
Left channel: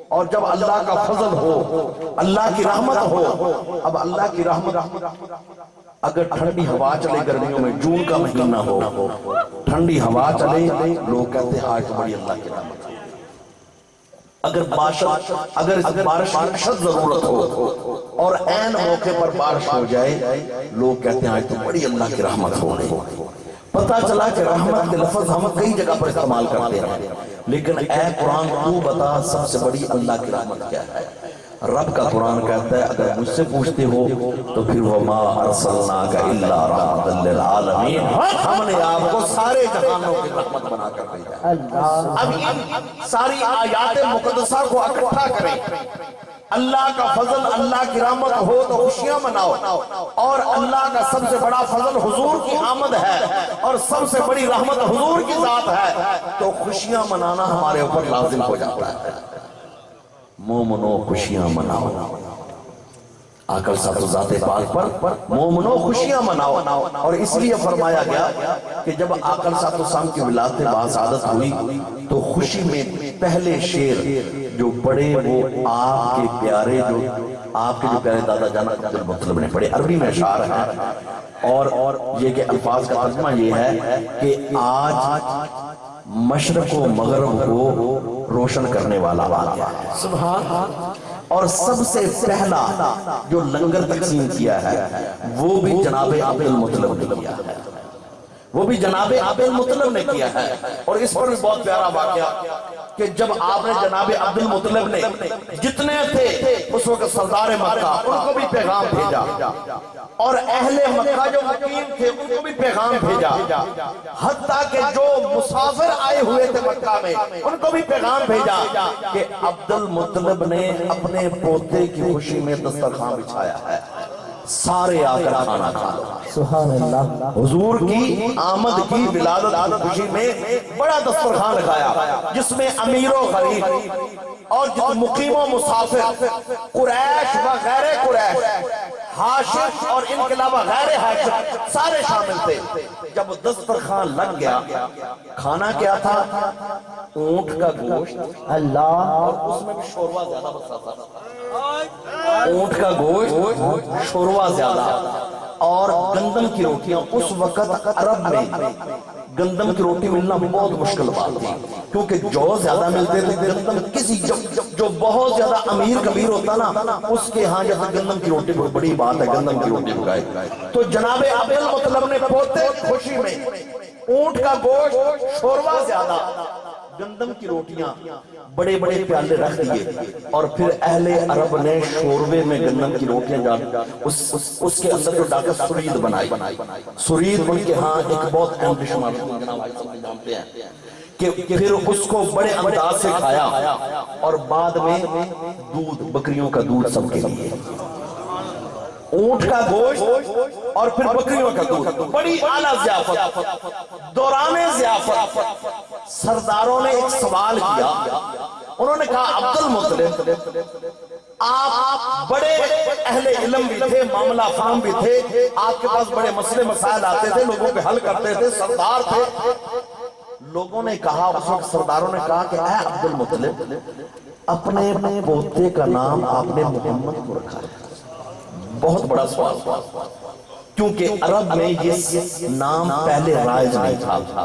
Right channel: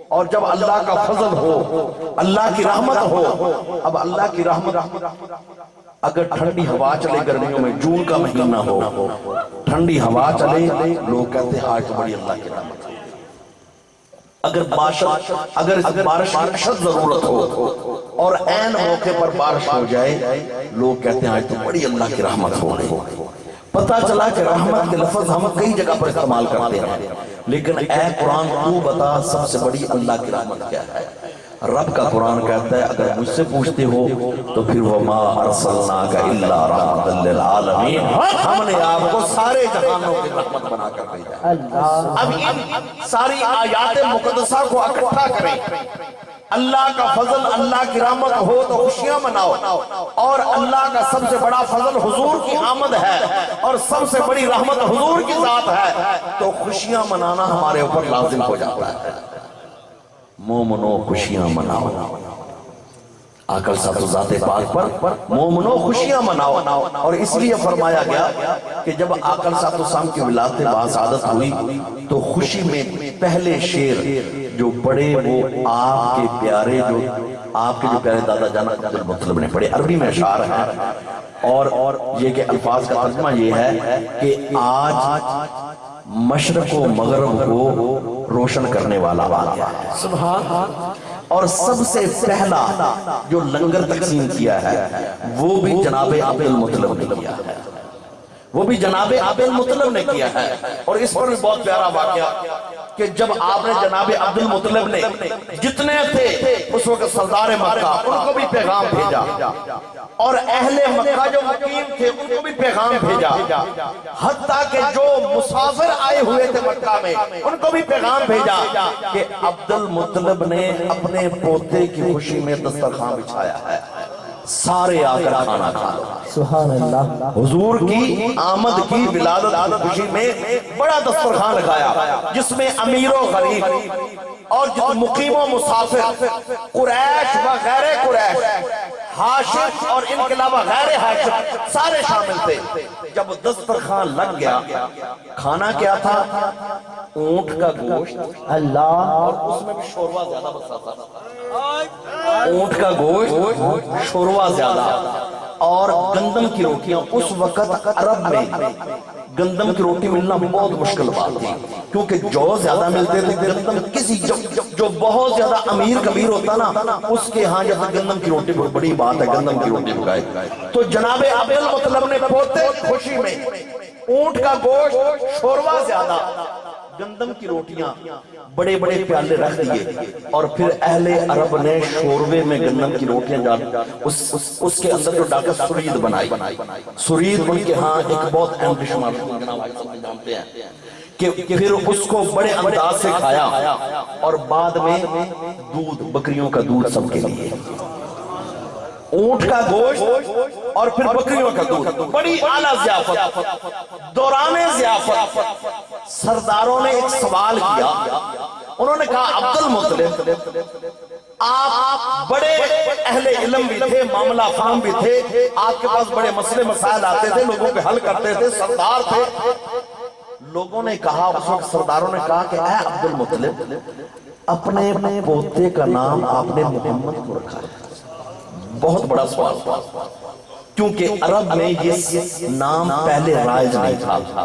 اور جب اللہ کا فضل ہو، اللہ کی رحمت ہو، اب اللہ کی رحمت اگر ٹھنڈی ہوا چلے گرمیوں میں، جون کا مہینہ ہو، ٹھنڈی ہوا چلے، لوگ کہتے ہیں آج بڑی اللہ کی رحمت ہے۔ اگر بارش کی اشد ضرورت ہو اور عین موقع پر بارش ہو جائے، لوگ کہتے ہیں آج تو بڑی اللہ کی رحمت ہو رہی۔ پتہ چلا کہ رحمت کے لفظ ہم کئی جگہ پر استعمال کرتے ہیں، لیکن اے قرآن تو بتا سب سے بڑی اللہ کی رحمت کیا ہے؟ رب کا قرآن کہتا ہے اگر مجھ سے پوچھتے ہو تو پھر وَمَا أَرْسَلْنَاكَ إِلَّا رَحْمَةً لِّلْعَالَمِينَ، ہم نے آپ کو سارے جہانوں کی رحمت بنا کر بھیجا۔ اب ان ساری آیات مقدسہ کو اکٹھا کریں، اللہ کا فضل، اللہ کی رحمت ہو تو خوشیاں مناؤ، اور اللہ کا سب سے بڑا فضل حضور کی آمد ہے اور سب سے بڑی رحمت حضور کی ذات ہے، تو خوشیاں منانا ہمارے اوپر لازم ہو جاتا ہے۔ مومنو خوشیاں مناؤ، آقا صاحب ذات پاک پر مومنو خوشیاں مناؤ، اور اس لیے فرمایا گیا کہ جب آقا صاحب کی ولادت باعثادت ہوئی تو خوشی میں پہلے شعر جو پڑے وہ آپ کے پیارے، جو آپ کے جو پیارے دادا جان عبد المطلب نے پڑھے، عربی میں اشعار ہیں، اور یہ کہ الفاظ کا ترجمہ یہ ہے کہ آج مشرق و مغرب کو روشن کرنے والا واقعہ ہے، سبحان، اور سب سے پہلا جو لنگر تقسیم کیا ہے وہ بھی جناب عبد المطلب نے کیا ہے، وہ بھی جناب عبد المطلب نے کیا ہے۔ اور اس پر بھی بہت پیارا واقعہ کہ جب آپ نے جناب عبد المطلب نے جتنے تھے اس وقت سردار مکہ ان کو بھی پیغام بھیجا، اور اہل مکہ جو مقیم تھے ان کو بھی پیغام بھیجا، حتیٰ کہ جو مسافر آئے ہوئے تھے مکہ میں ان کو بھی پیغام بھیجا کہ عبد المطلب نے اپنے پوتے کی خوشی میں دسترخوان بچھایا ہے، سارے آ کر کھانا کھا لو۔ سبحان اللہ۔ حضور کی آمد کی ولادت کی خوشی میں بڑا دسترخوان لگایا، جس میں امیر و غریب اور مقیم و مسافر، قریش و غیر قریش، ہاشم اور ان کے علاوہ غیر ہاشم، سارے شامل تھے۔ جب دسترخوان لگ گیا، کھانا کیا تھا؟ اونٹ کا گوشت، اللہ، اور اس میں بھی شوروا زیادہ بسا تھا، اونٹ کا گوشت، شوروا زیادہ، اور گندم کی روٹیاں۔ اس وقت عرب میں گندم کی روٹی ملنا بہت مشکل بات تھی، کیونکہ جو زیادہ ملتے تھے گندم، کسی جو بہت زیادہ امیر کبیر ہوتا نا اس کے ہاں جب گندم کی روٹی بڑی بات ہے، گندم کی روٹی پکائے۔ تو جناب عبد المطلب نے پوتے خوشی میں اونٹ کا گوشت، شوروا زیادہ، گندم کی روٹیاں بڑے بڑے پیالے رکھ دیے، اور پھر اہل عرب نے شوربے میں گندم کی روٹیاں ڈال، اس کے اندر جو ڈاکہ سرید بنائی۔ سرید ان کے ہاں ایک بہت اہم ڈش جانتے ہیں کہ پھر اس کو بڑے انداز سے کھایا، اور بعد میں دودھ، بکریوں کا دودھ سب کے لیے، اونٹ کا گوشت اور پھر بکریوں کا دودھ، بڑی اعلیٰ ضیافت۔ دوران ضیافت سرداروں نے ایک سوال کیا، انہوں نے کہا عبد المطلب آپ بڑے اہل علم بھی تھے، معاملہ فہم بھی تھے، آپ کے پاس بڑے مسئلے مسائل آتے تھے، لوگوں پہ حل کرتے تھے، سردار تھے۔ لوگوں نے کہا، اس وقت سرداروں نے کہا کہ اے عبد المطلب اپنے پوتے کا نام آپ نے محمد کو رکھا ہے۔ بہت بڑا سوال، کیونکہ عرب میں یہ نام پہلے رائج نہیں تھا۔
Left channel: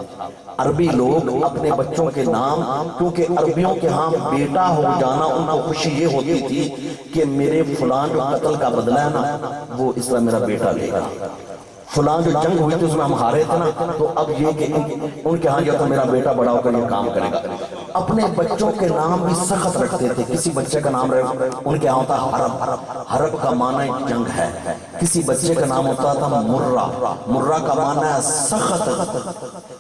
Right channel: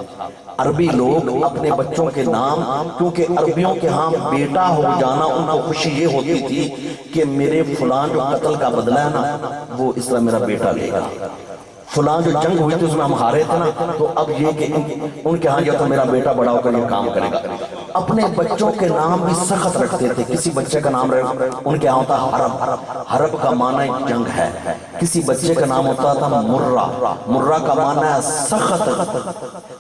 عربی لوگ اپنے بچوں کے نام، کیونکہ عربیوں کے ہاں بیٹا ہو جانا ان کو خوشی یہ ہوتی تھی کہ میرے فلان جو قتل کا بدلہ ہے نا وہ اس طرح میرا بیٹا لے گا، فلان جو جنگ ہوئی تھی اس میں ہم ہارے تھے نا تو اب یہ کہ ان کے ہاں جو تو میرا بیٹا بڑا ہو کر یہ کام کرے گا۔ اپنے بچوں کے نام بھی سخت رکھتے تھے، کسی بچے کا نام ان کے ہاں ہوتا حرب، حرب کا معنی جنگ ہے، کسی بچے کا نام ہوتا تھا مرہ، مرہ کا معنی ہے سخت،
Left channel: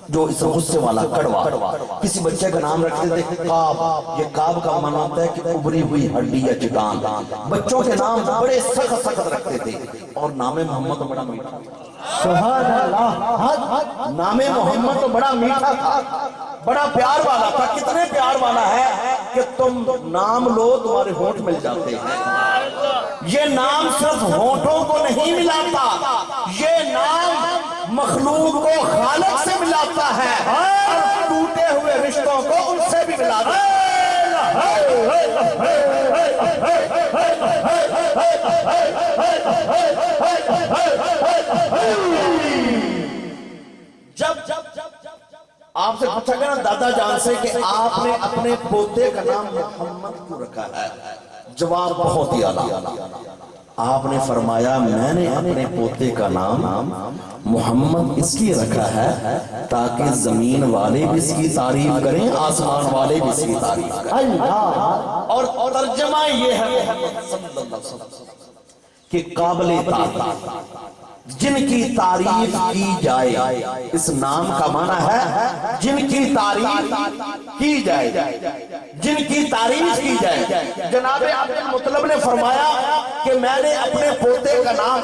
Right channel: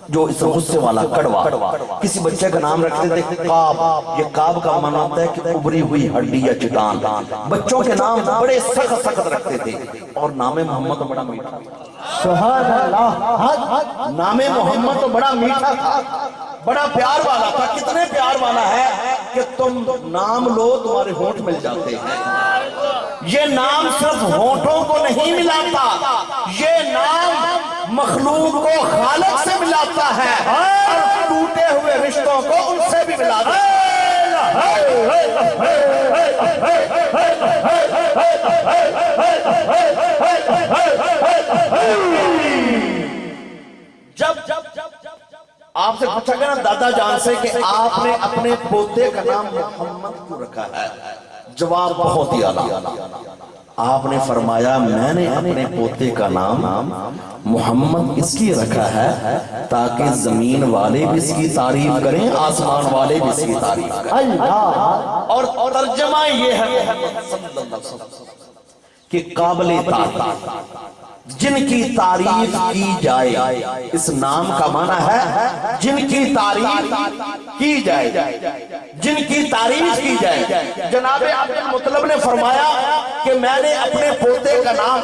جو اس غصے والا، کڑوا۔ کسی بچے کا نام رکھتے تھے کعب، یہ کعب کا معنی ہوتا ہے کہ ابری ہوئی ہڈی یا چٹان۔ بچوں کے نام بڑے سخت سخت رکھتے تھے، اور نام محمد بڑا میٹھا، سبحان اللہ، نام محمد تو بڑا میٹھا تھا، بڑا پیار والا تھا۔ کتنے پیار والا ہے کہ تم نام لو تمہارے ہونٹ مل جاتے ہیں۔ یہ نام صرف ہونٹوں کو نہیں ملاتا، یہ نام مخلوق کو خالق سے ملاتا ہے اور ٹوٹے ہوئے رشتوں کو ان سے بھی ملاتا ہے۔ جب آپ سے پوچھا گیا نا دادا جان سے کہ آپ نے اپنے پوتے کا نام محمد کیوں رکھا ہے، جواب بہت ہی اعلیٰ۔ آپ نے فرمایا میں نے اپنے پوتے کا نام محمد اس لیے رکھا ہے تاکہ زمین والے بھی اس کی تعریف کریں، آسمان والے بھی اس کی تعریف کریں۔ اور ترجمہ یہ ہے محمد صلی اللہ علیہ وسلم کہ قابل تعریف، جن کی تعریف کی جائے، اس نام کا معنی ہے جن کی تعریف کی جائے، جن کی تعریف کی جائے۔ جناب عبد المطلب نے فرمایا کہ میں نے اپنے پوتے کا نام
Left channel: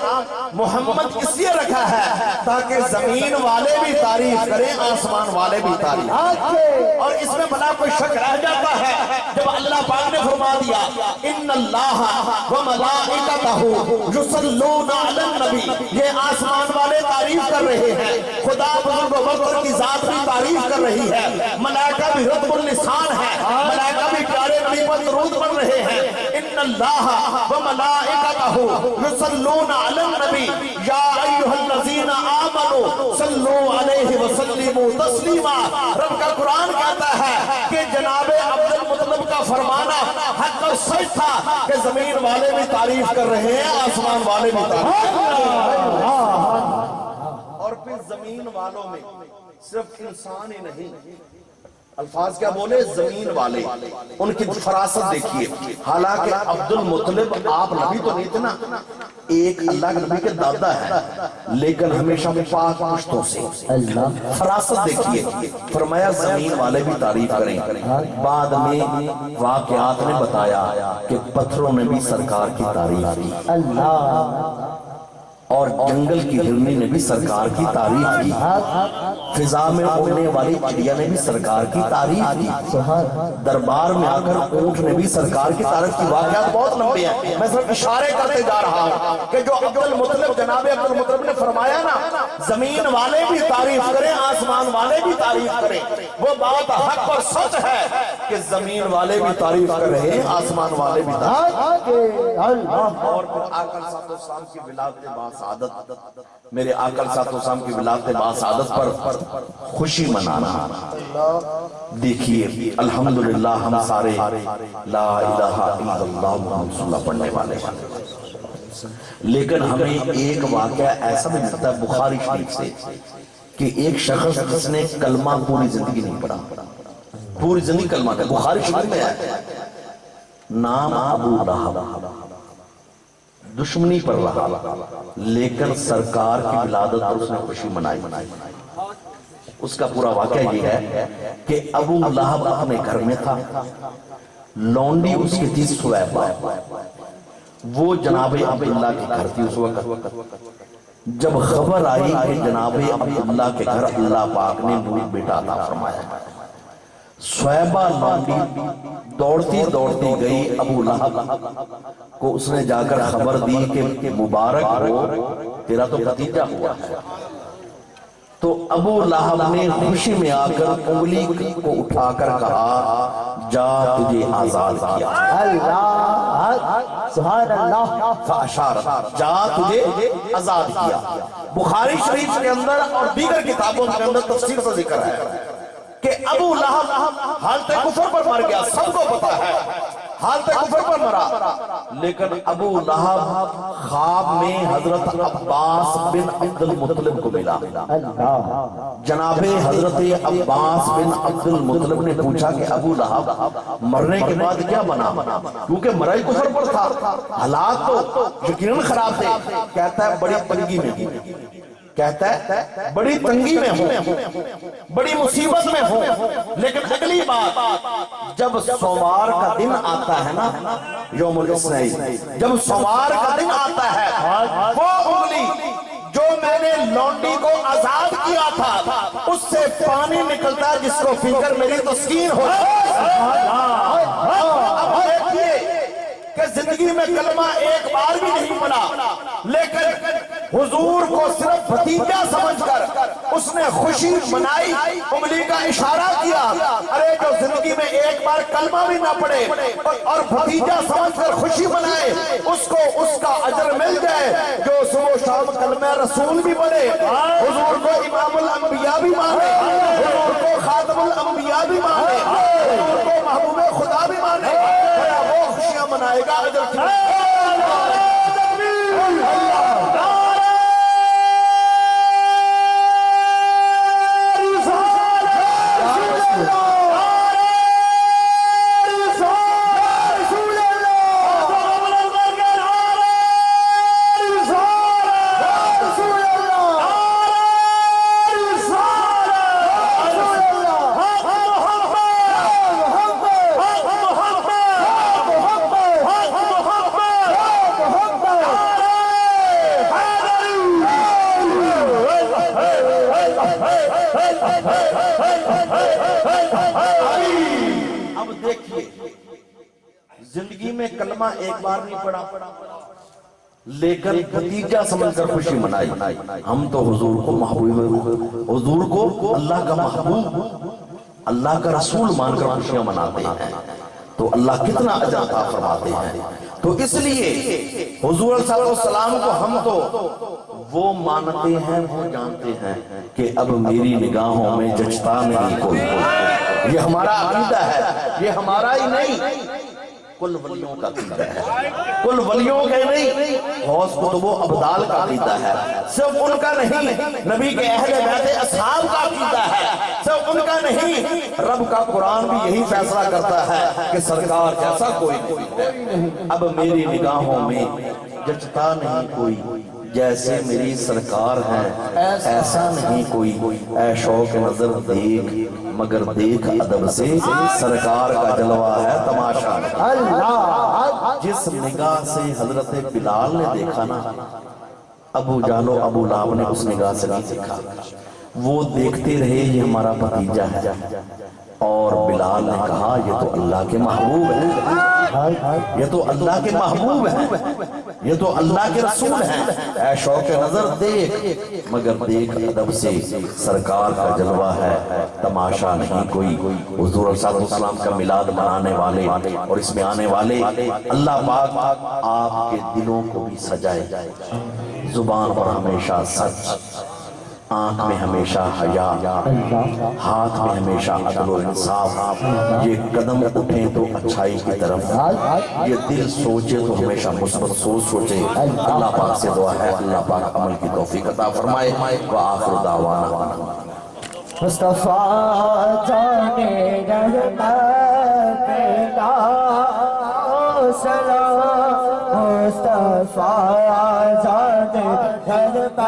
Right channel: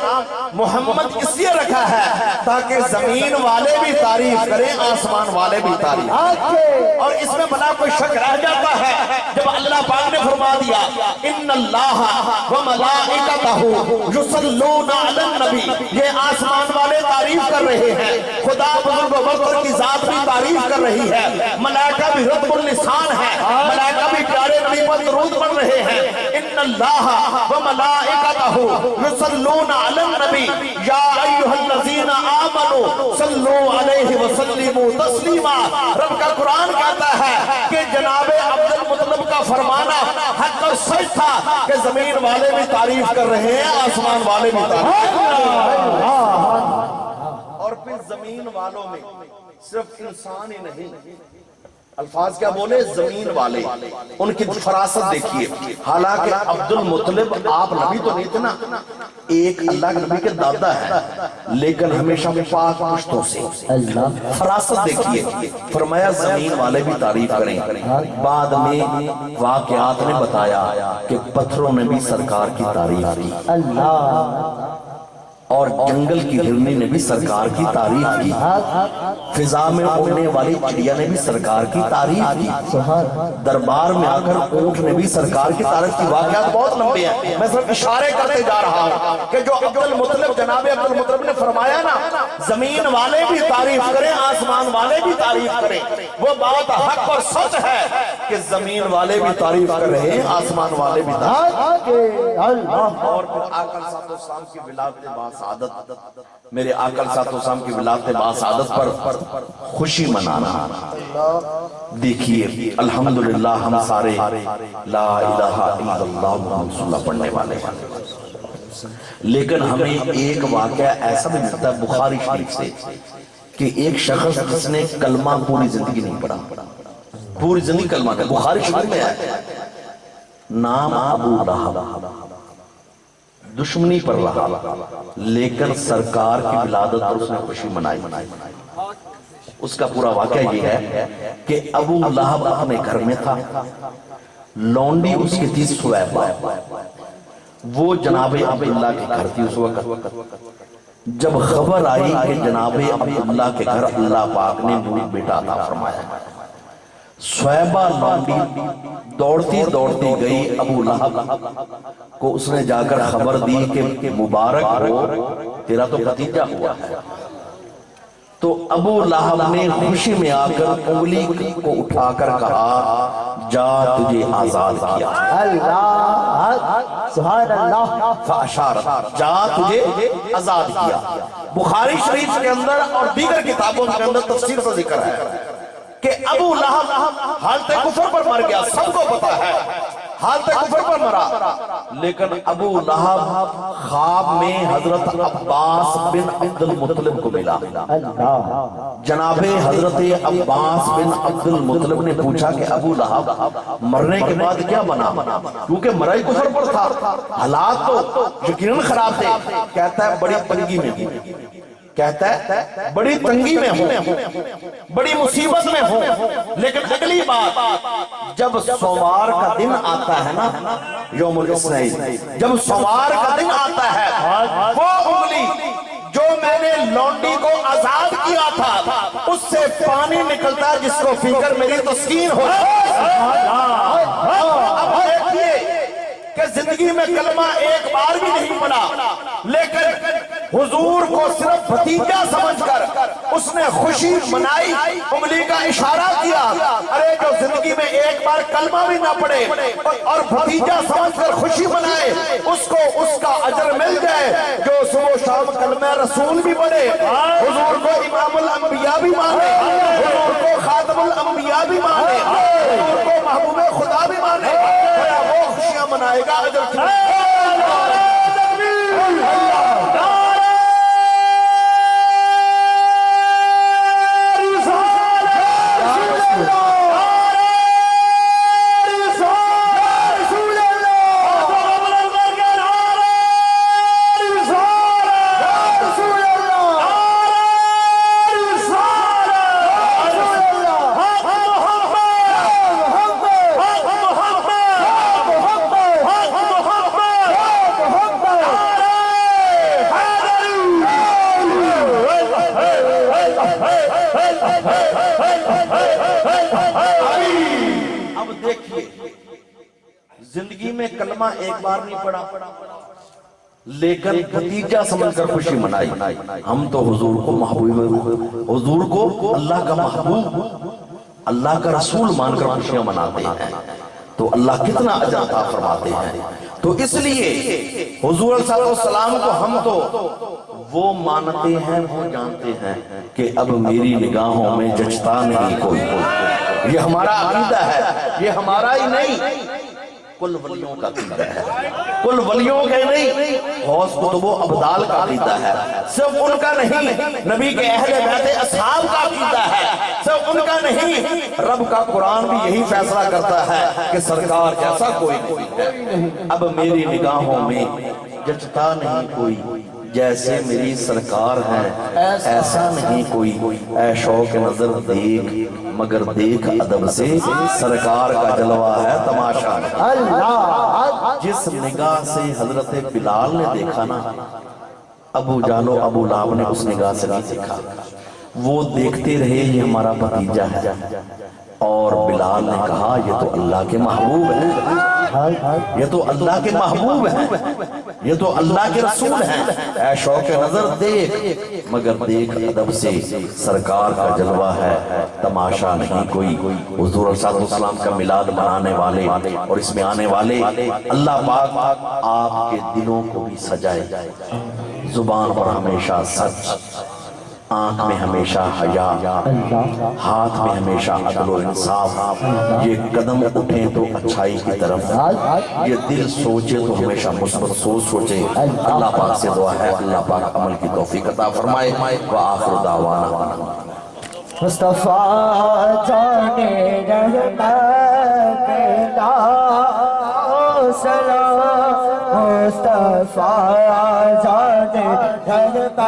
محمد اس لیے رکھا ہے تاکہ زمین والے بھی تعریف کریں، آسمان والے بھی تعریف کریں۔ اور اس میں بنا کوئی شک رہ جاتا ہے جب اللہ پاک نے فرما دیا ان اللہ وملائکتہ یصلون علی النبی، یہ آسمان والے تعریف کر رہے ہیں، خدا بزرگ و برتر کی ذات بھی تعریف کر رہی ہے، ملائکہ بھی رتب اللسان ہے، ملائکہ بھی پیارے نبی پر درود پڑھ رہے ہیں۔ ان اللہ وملائکتہ یصلون علی النبی یا ایھا الذین آمنوا صلوا علیہ وسلموا تسلیما۔ رب کا قرآن کہتا ہے کہ جناب عبد المطلب کا فرمانا حق اور سچ تھا کہ زمین والے بھی تعریف کر رہے ہیں، آسمان والے بھی تعریف کر رہے ہیں۔ اور پھر زمین والوں میں صرف انسان ہی نہیں، الفاظ کیا بولے، زمین والے، ان کی فراست دیکھیے۔ حالانکہ عبد المطلب آپ نبی تو نہیں تھے نا، ایک اللہ کے نبی کے دادا ہے، لیکن ہمیشہ پاک پشتوں سے فراست دیکھیے۔ فرمایا زمین والے بھی تعریف کریں۔ بعد میں واقعات نے بتایا کہ پتھروں نے بھی سرکار کی تعریف کی، اور جنگل کی ہرنی نے بھی سرکار کی تعریف کی، فضا میں اڑنے والی چڑیا نے بھی سرکار کی تعریف کی، دربار میں آ کر اونٹ نے بھی سرکار کی تعریف کی۔ واقعات بہت لمبے ہیں، میں صرف اشارے کرتے جا رہا ہوں کہ جو عبد المطلب، جناب عبد المطلب نے فرمایا نا زمین والے بھی تعریف کریں، آسمان والے بھی تعریف کریں، وہ بات حق اور سچ ہے کہ زمین والے بھی تعریف کر رہے ہیں، آسمان والے بھی تعریف کر رہے ہیں۔ اور پھر آقا صلی اللہ علیہ وسلم کی ولادت باسعادت، میرے آقا صلی اللہ علیہ وسلم کی ولادت باسعادت پر خوشی منانا۔ دیکھیے الحمدللہ ہم سارے لا الہ الا اللہ محمد رسول اللہ پڑھنے والے ہیں، لیکن ہمیں ایک واقعہ ایسا بھی ملتا ہے بخاری شریف سے کہ ایک شخص جس نے کلمہ پوری زندگی نہیں پڑھا، پوری زندگی کلمہ کا، بخاری شریف میں ہے، نام ابو لہب، دشمنی پر رہا لیکن سرکار کی ولادت پر اس نے خوشی منائی۔ اس کا پورا واقعہ یہ ہے کہ ابو لہب اپنے گھر میں تھا، لونڈی اس کی تھی سویبہ، وہ جناب عبداللہ کے گھر تھی اس وقت۔ جب خبر آئی کہ جناب عبداللہ کے گھر اللہ پاک نے نور بیٹا عطا فرمایا، سویبہ لونڈی دوڑتی دوڑتی گئی ابو لہب کو، اس نے جا کر خبر دی کہ مبارک ہو تیرا تو بھتیجا ہوا ہے۔ تو ابو لہب نے خوشی میں آ کر انگلی کو اٹھا کر کہا جا تجھے آزاد کیا، سبحان اللہ، فاشارت، جا تجھے آزاد کیا۔ بخاری شریف کے اندر اور دیگر کتابوں کے اندر تفسیر سے ذکر ہے کہ ابو لہب حالت کفر پر مر گیا، سب کو پتا ہے حالت کفر پر مرا، لیکن ابو لہب خواب میں حضرت عباس بن عبد المطلب کو ملا۔ جناب حضرت عباس بن عبد المطلب نے پوچھا کہ ابو لہب مرنے کے بعد کیا بنا، کیونکہ مرائی کفر پر تھا، حالات تو یقیناً خراب تھے۔ کہتا ہے بڑی تنگی میں، کہتا ہے بڑی تنگی میں ہوں، بڑی مصیبت میں ہوں، لیکن اگلی بات جب سوار کا دن آتا ہے نا، یوم الاثنین، جب سوار کا دن آتا ہے، وہ انگلی جو میں نے لونڈی کو آزاد کیا تھا اس سے پانی نکلتا ہے جس کو پی کر میری تسکین ہو جائے۔ اب دیکھیے کہ زندگی میں کلمہ ایک بار بھی نہیں پڑھا، لیکن حضور کو صرف بھتیجا سمجھ کر اس نے خوشی منائی، انگلی کا اشارہ کیا، ارے جو زندگی میں ایک بار کلمہ بھی نہ پڑھے اور بھتیجا سمجھ کر خوشی منائے اس کو اس کا اجر مل جائے، جو صبح و شام کلمہ رسول بھی پڑھے، حضور کو امام الانبیاء بھی مانے، حضور کو خاتم الانبیاء بھی مانے، حضور کو محبوب خدا بھی مانے، وہ خوشیاں منائے گا اجر کی۔ اب دیکھیے زندگی میں کلمہ ایک بار نہیں پڑھا لیکن بھتیجا سمجھ کر خوشی منائی۔ ہم تو حضور کو محبوب، حضور کو اللہ کا محبوب، اللہ کا رسول مان کر خوشیاں مناتے ہیں، تو اللہ کتنا اجر عطا فرماتے ہیں۔ تو اس لیے حضور صلی اللہ علیہ وسلم کو ہم تو وہ مانتے ہیں، وہ جانتے ہیں کہ اب میری نگاہوں میں جچتا نہیں کوئی، یہ ہمارا عقیدہ ہے، یہ ہمارا ہی نہیں، کل ولیوں کا عقیدہ ہے، کل ولیوں کے نہیں، غوث قطب و ابدال کا عقیدہ ہے، صرف ان کا نہیں، نبی کے اہل بیت اصحاب کا عقیدہ ہے، صرف ان کا نہیں، رب کا قرآن بھی یہی فیصلہ کرتا ہے کہ سرکار جیسا کوئی نہیں ہے، اب میری نگاہوں میں جچتا نہیں کوئی، جیسے میری سرکار ہیں ایسا نہیں کوئی، اے شوق نظر دیکھ مگر دیکھ ادب سے، سرکار کا جلوہ ہے تماشا۔ جس نگاہ سے حضرت بلال نے دیکھا نا، ابو جہل و ابو لہب نے اس نگاہ سے نہیں دیکھا، وہ دیکھتے رہے یہ ہمارا بھتیجا ہے، اور بلال نے کہا یہ تو اللہ کے محبوب ہے، یہ تو اللہ کے محبوب ہے، یہ تو اللہ کے رسول ہیں، اے شوق نظر دیکھ مگر دیکھ ادب سے، سرکار کا جلوہ ہے تماشا نہیں کوئی۔ حضور صلی اللہ علیہ وسلم کا میلاد منانے والے اور اس میں آنے والے، اللہ پاک آپ کے دلوں کو بھی سجائے، زبان پر ہمیشہ سچ، آنکھ میں ہمیشہ حیا، ہاتھ میں ہمیشہ عدل و انصاف، یہ قدم اٹھیں تو اچھائی کی طرف، یہ دل سوچے تو ہمیشہ مثبت سوچ سوچے۔ اللہ پاک سے دعا ہے اللہ پاک عمل کی توفیق عطا فرمائے۔ وآخر دعوانا مصطفیٰ جانے رحمت لا سلام، مصطفیٰ جانے رحمت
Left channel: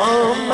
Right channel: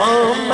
ہم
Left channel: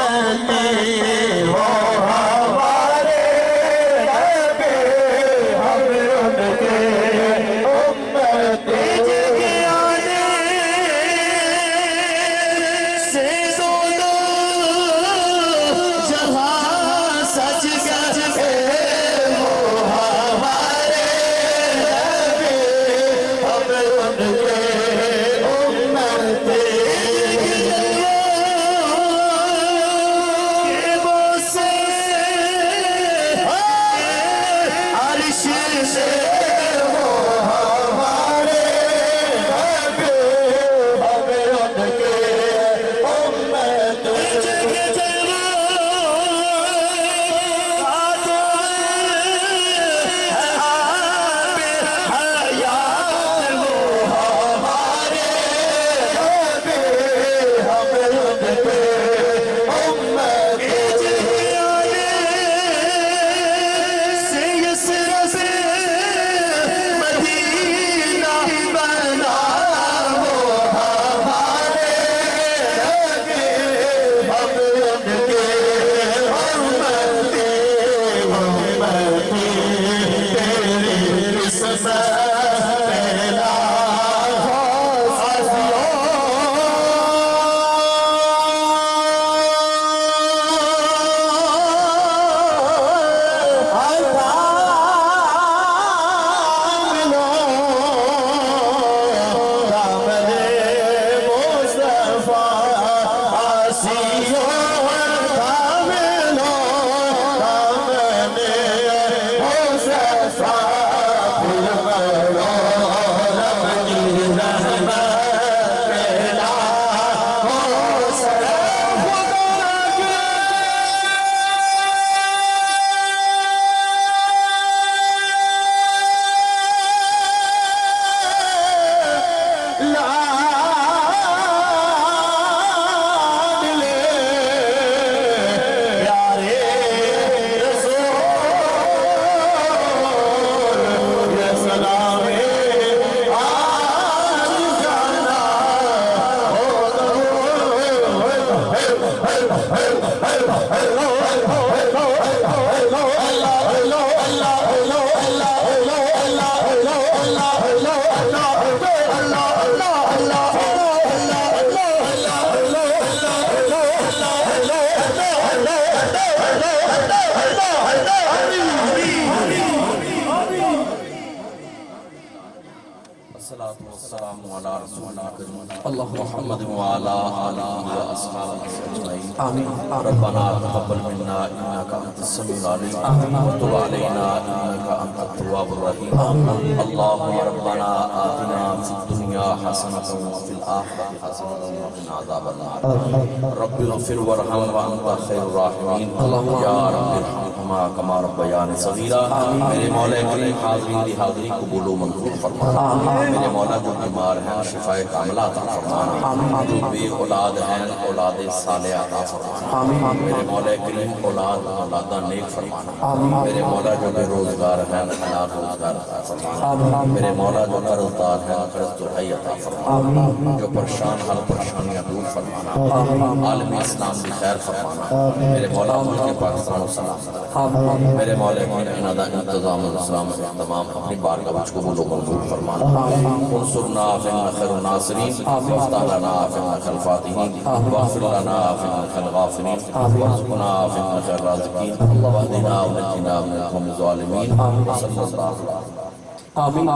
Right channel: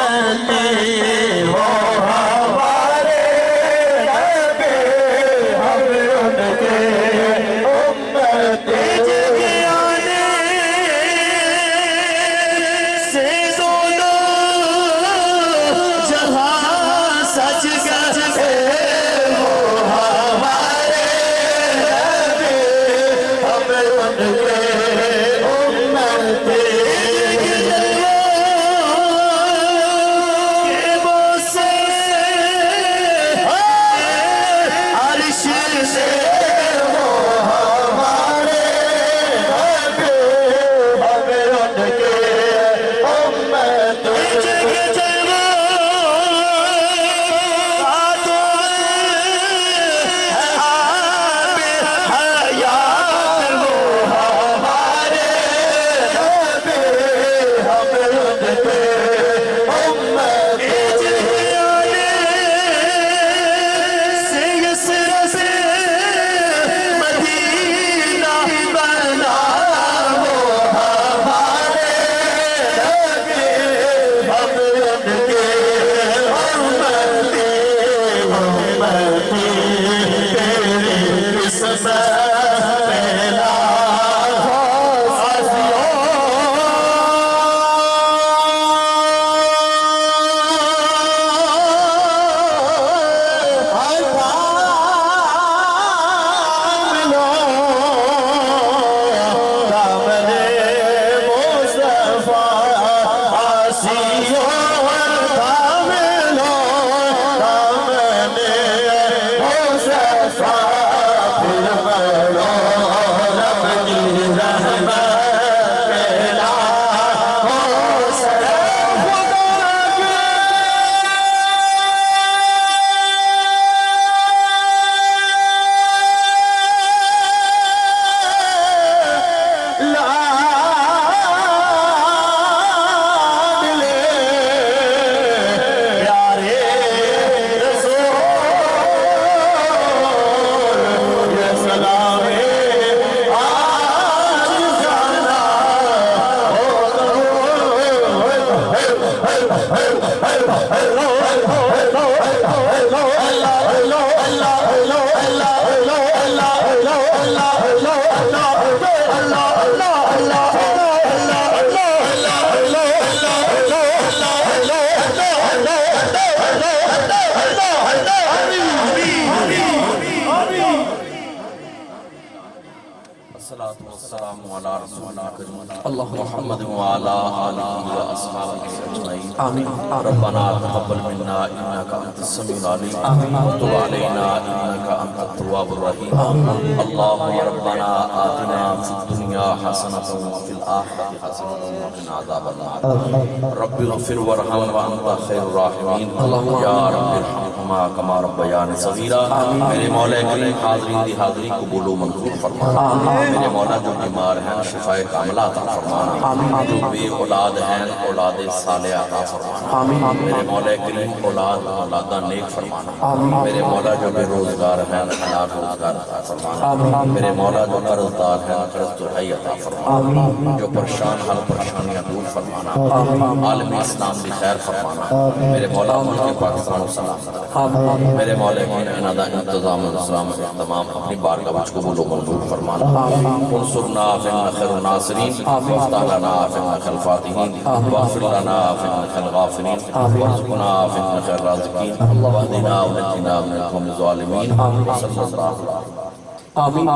والسلام على رسولنا محمد وعلى آله وأصحابه أجمعين آمين ربنا تقبل منا إنك أنت السميع العليم وتب علينا إنك أنت التواب الرحيم اللهم ربنا آتنا في الدنيا حسنة وفي الآخرة حسنة وقنا عذاب النار رب اغفر وارحم وأنت خير الراحمين يا رب ارحمهما كما ربياني صغيرا میرے مولا کریم حاضرین دی حاضری قبول و منظور فرمانا میرے مولا جو بیمار ہیں شفاء کاملہ عطا فرمانا جو بے اولاد ہیں اولاد صالحہ عطا فرمانا میرے مولا کریم اولاد اولادہ نیک فرمانا میرے مولا جو بے روزگار ہیں حلال روزگار عطا فرمانا میرے مولا جو قرضدار ہیں قرض دہائی عطا فرمانا جو پریشان حال پریشانیاں دور فرمانا عالم اسلام بھی خیر فرمانا میرے مولا ملک پاکستان و سلام میرے مولا کریم انہدا انتظام الاسلام احتمام اپنی بارگاہ وچ قبول و منظور فرمانا انصرنا فإنك خير الناصرين وافتح لنا فإنك خير الفاتحين واغفر لنا فإنك خير الغافرين وارزقنا فإنك خير الرازقين واهدنا ونجنا من القوم الظالمين وصلى الله آمین.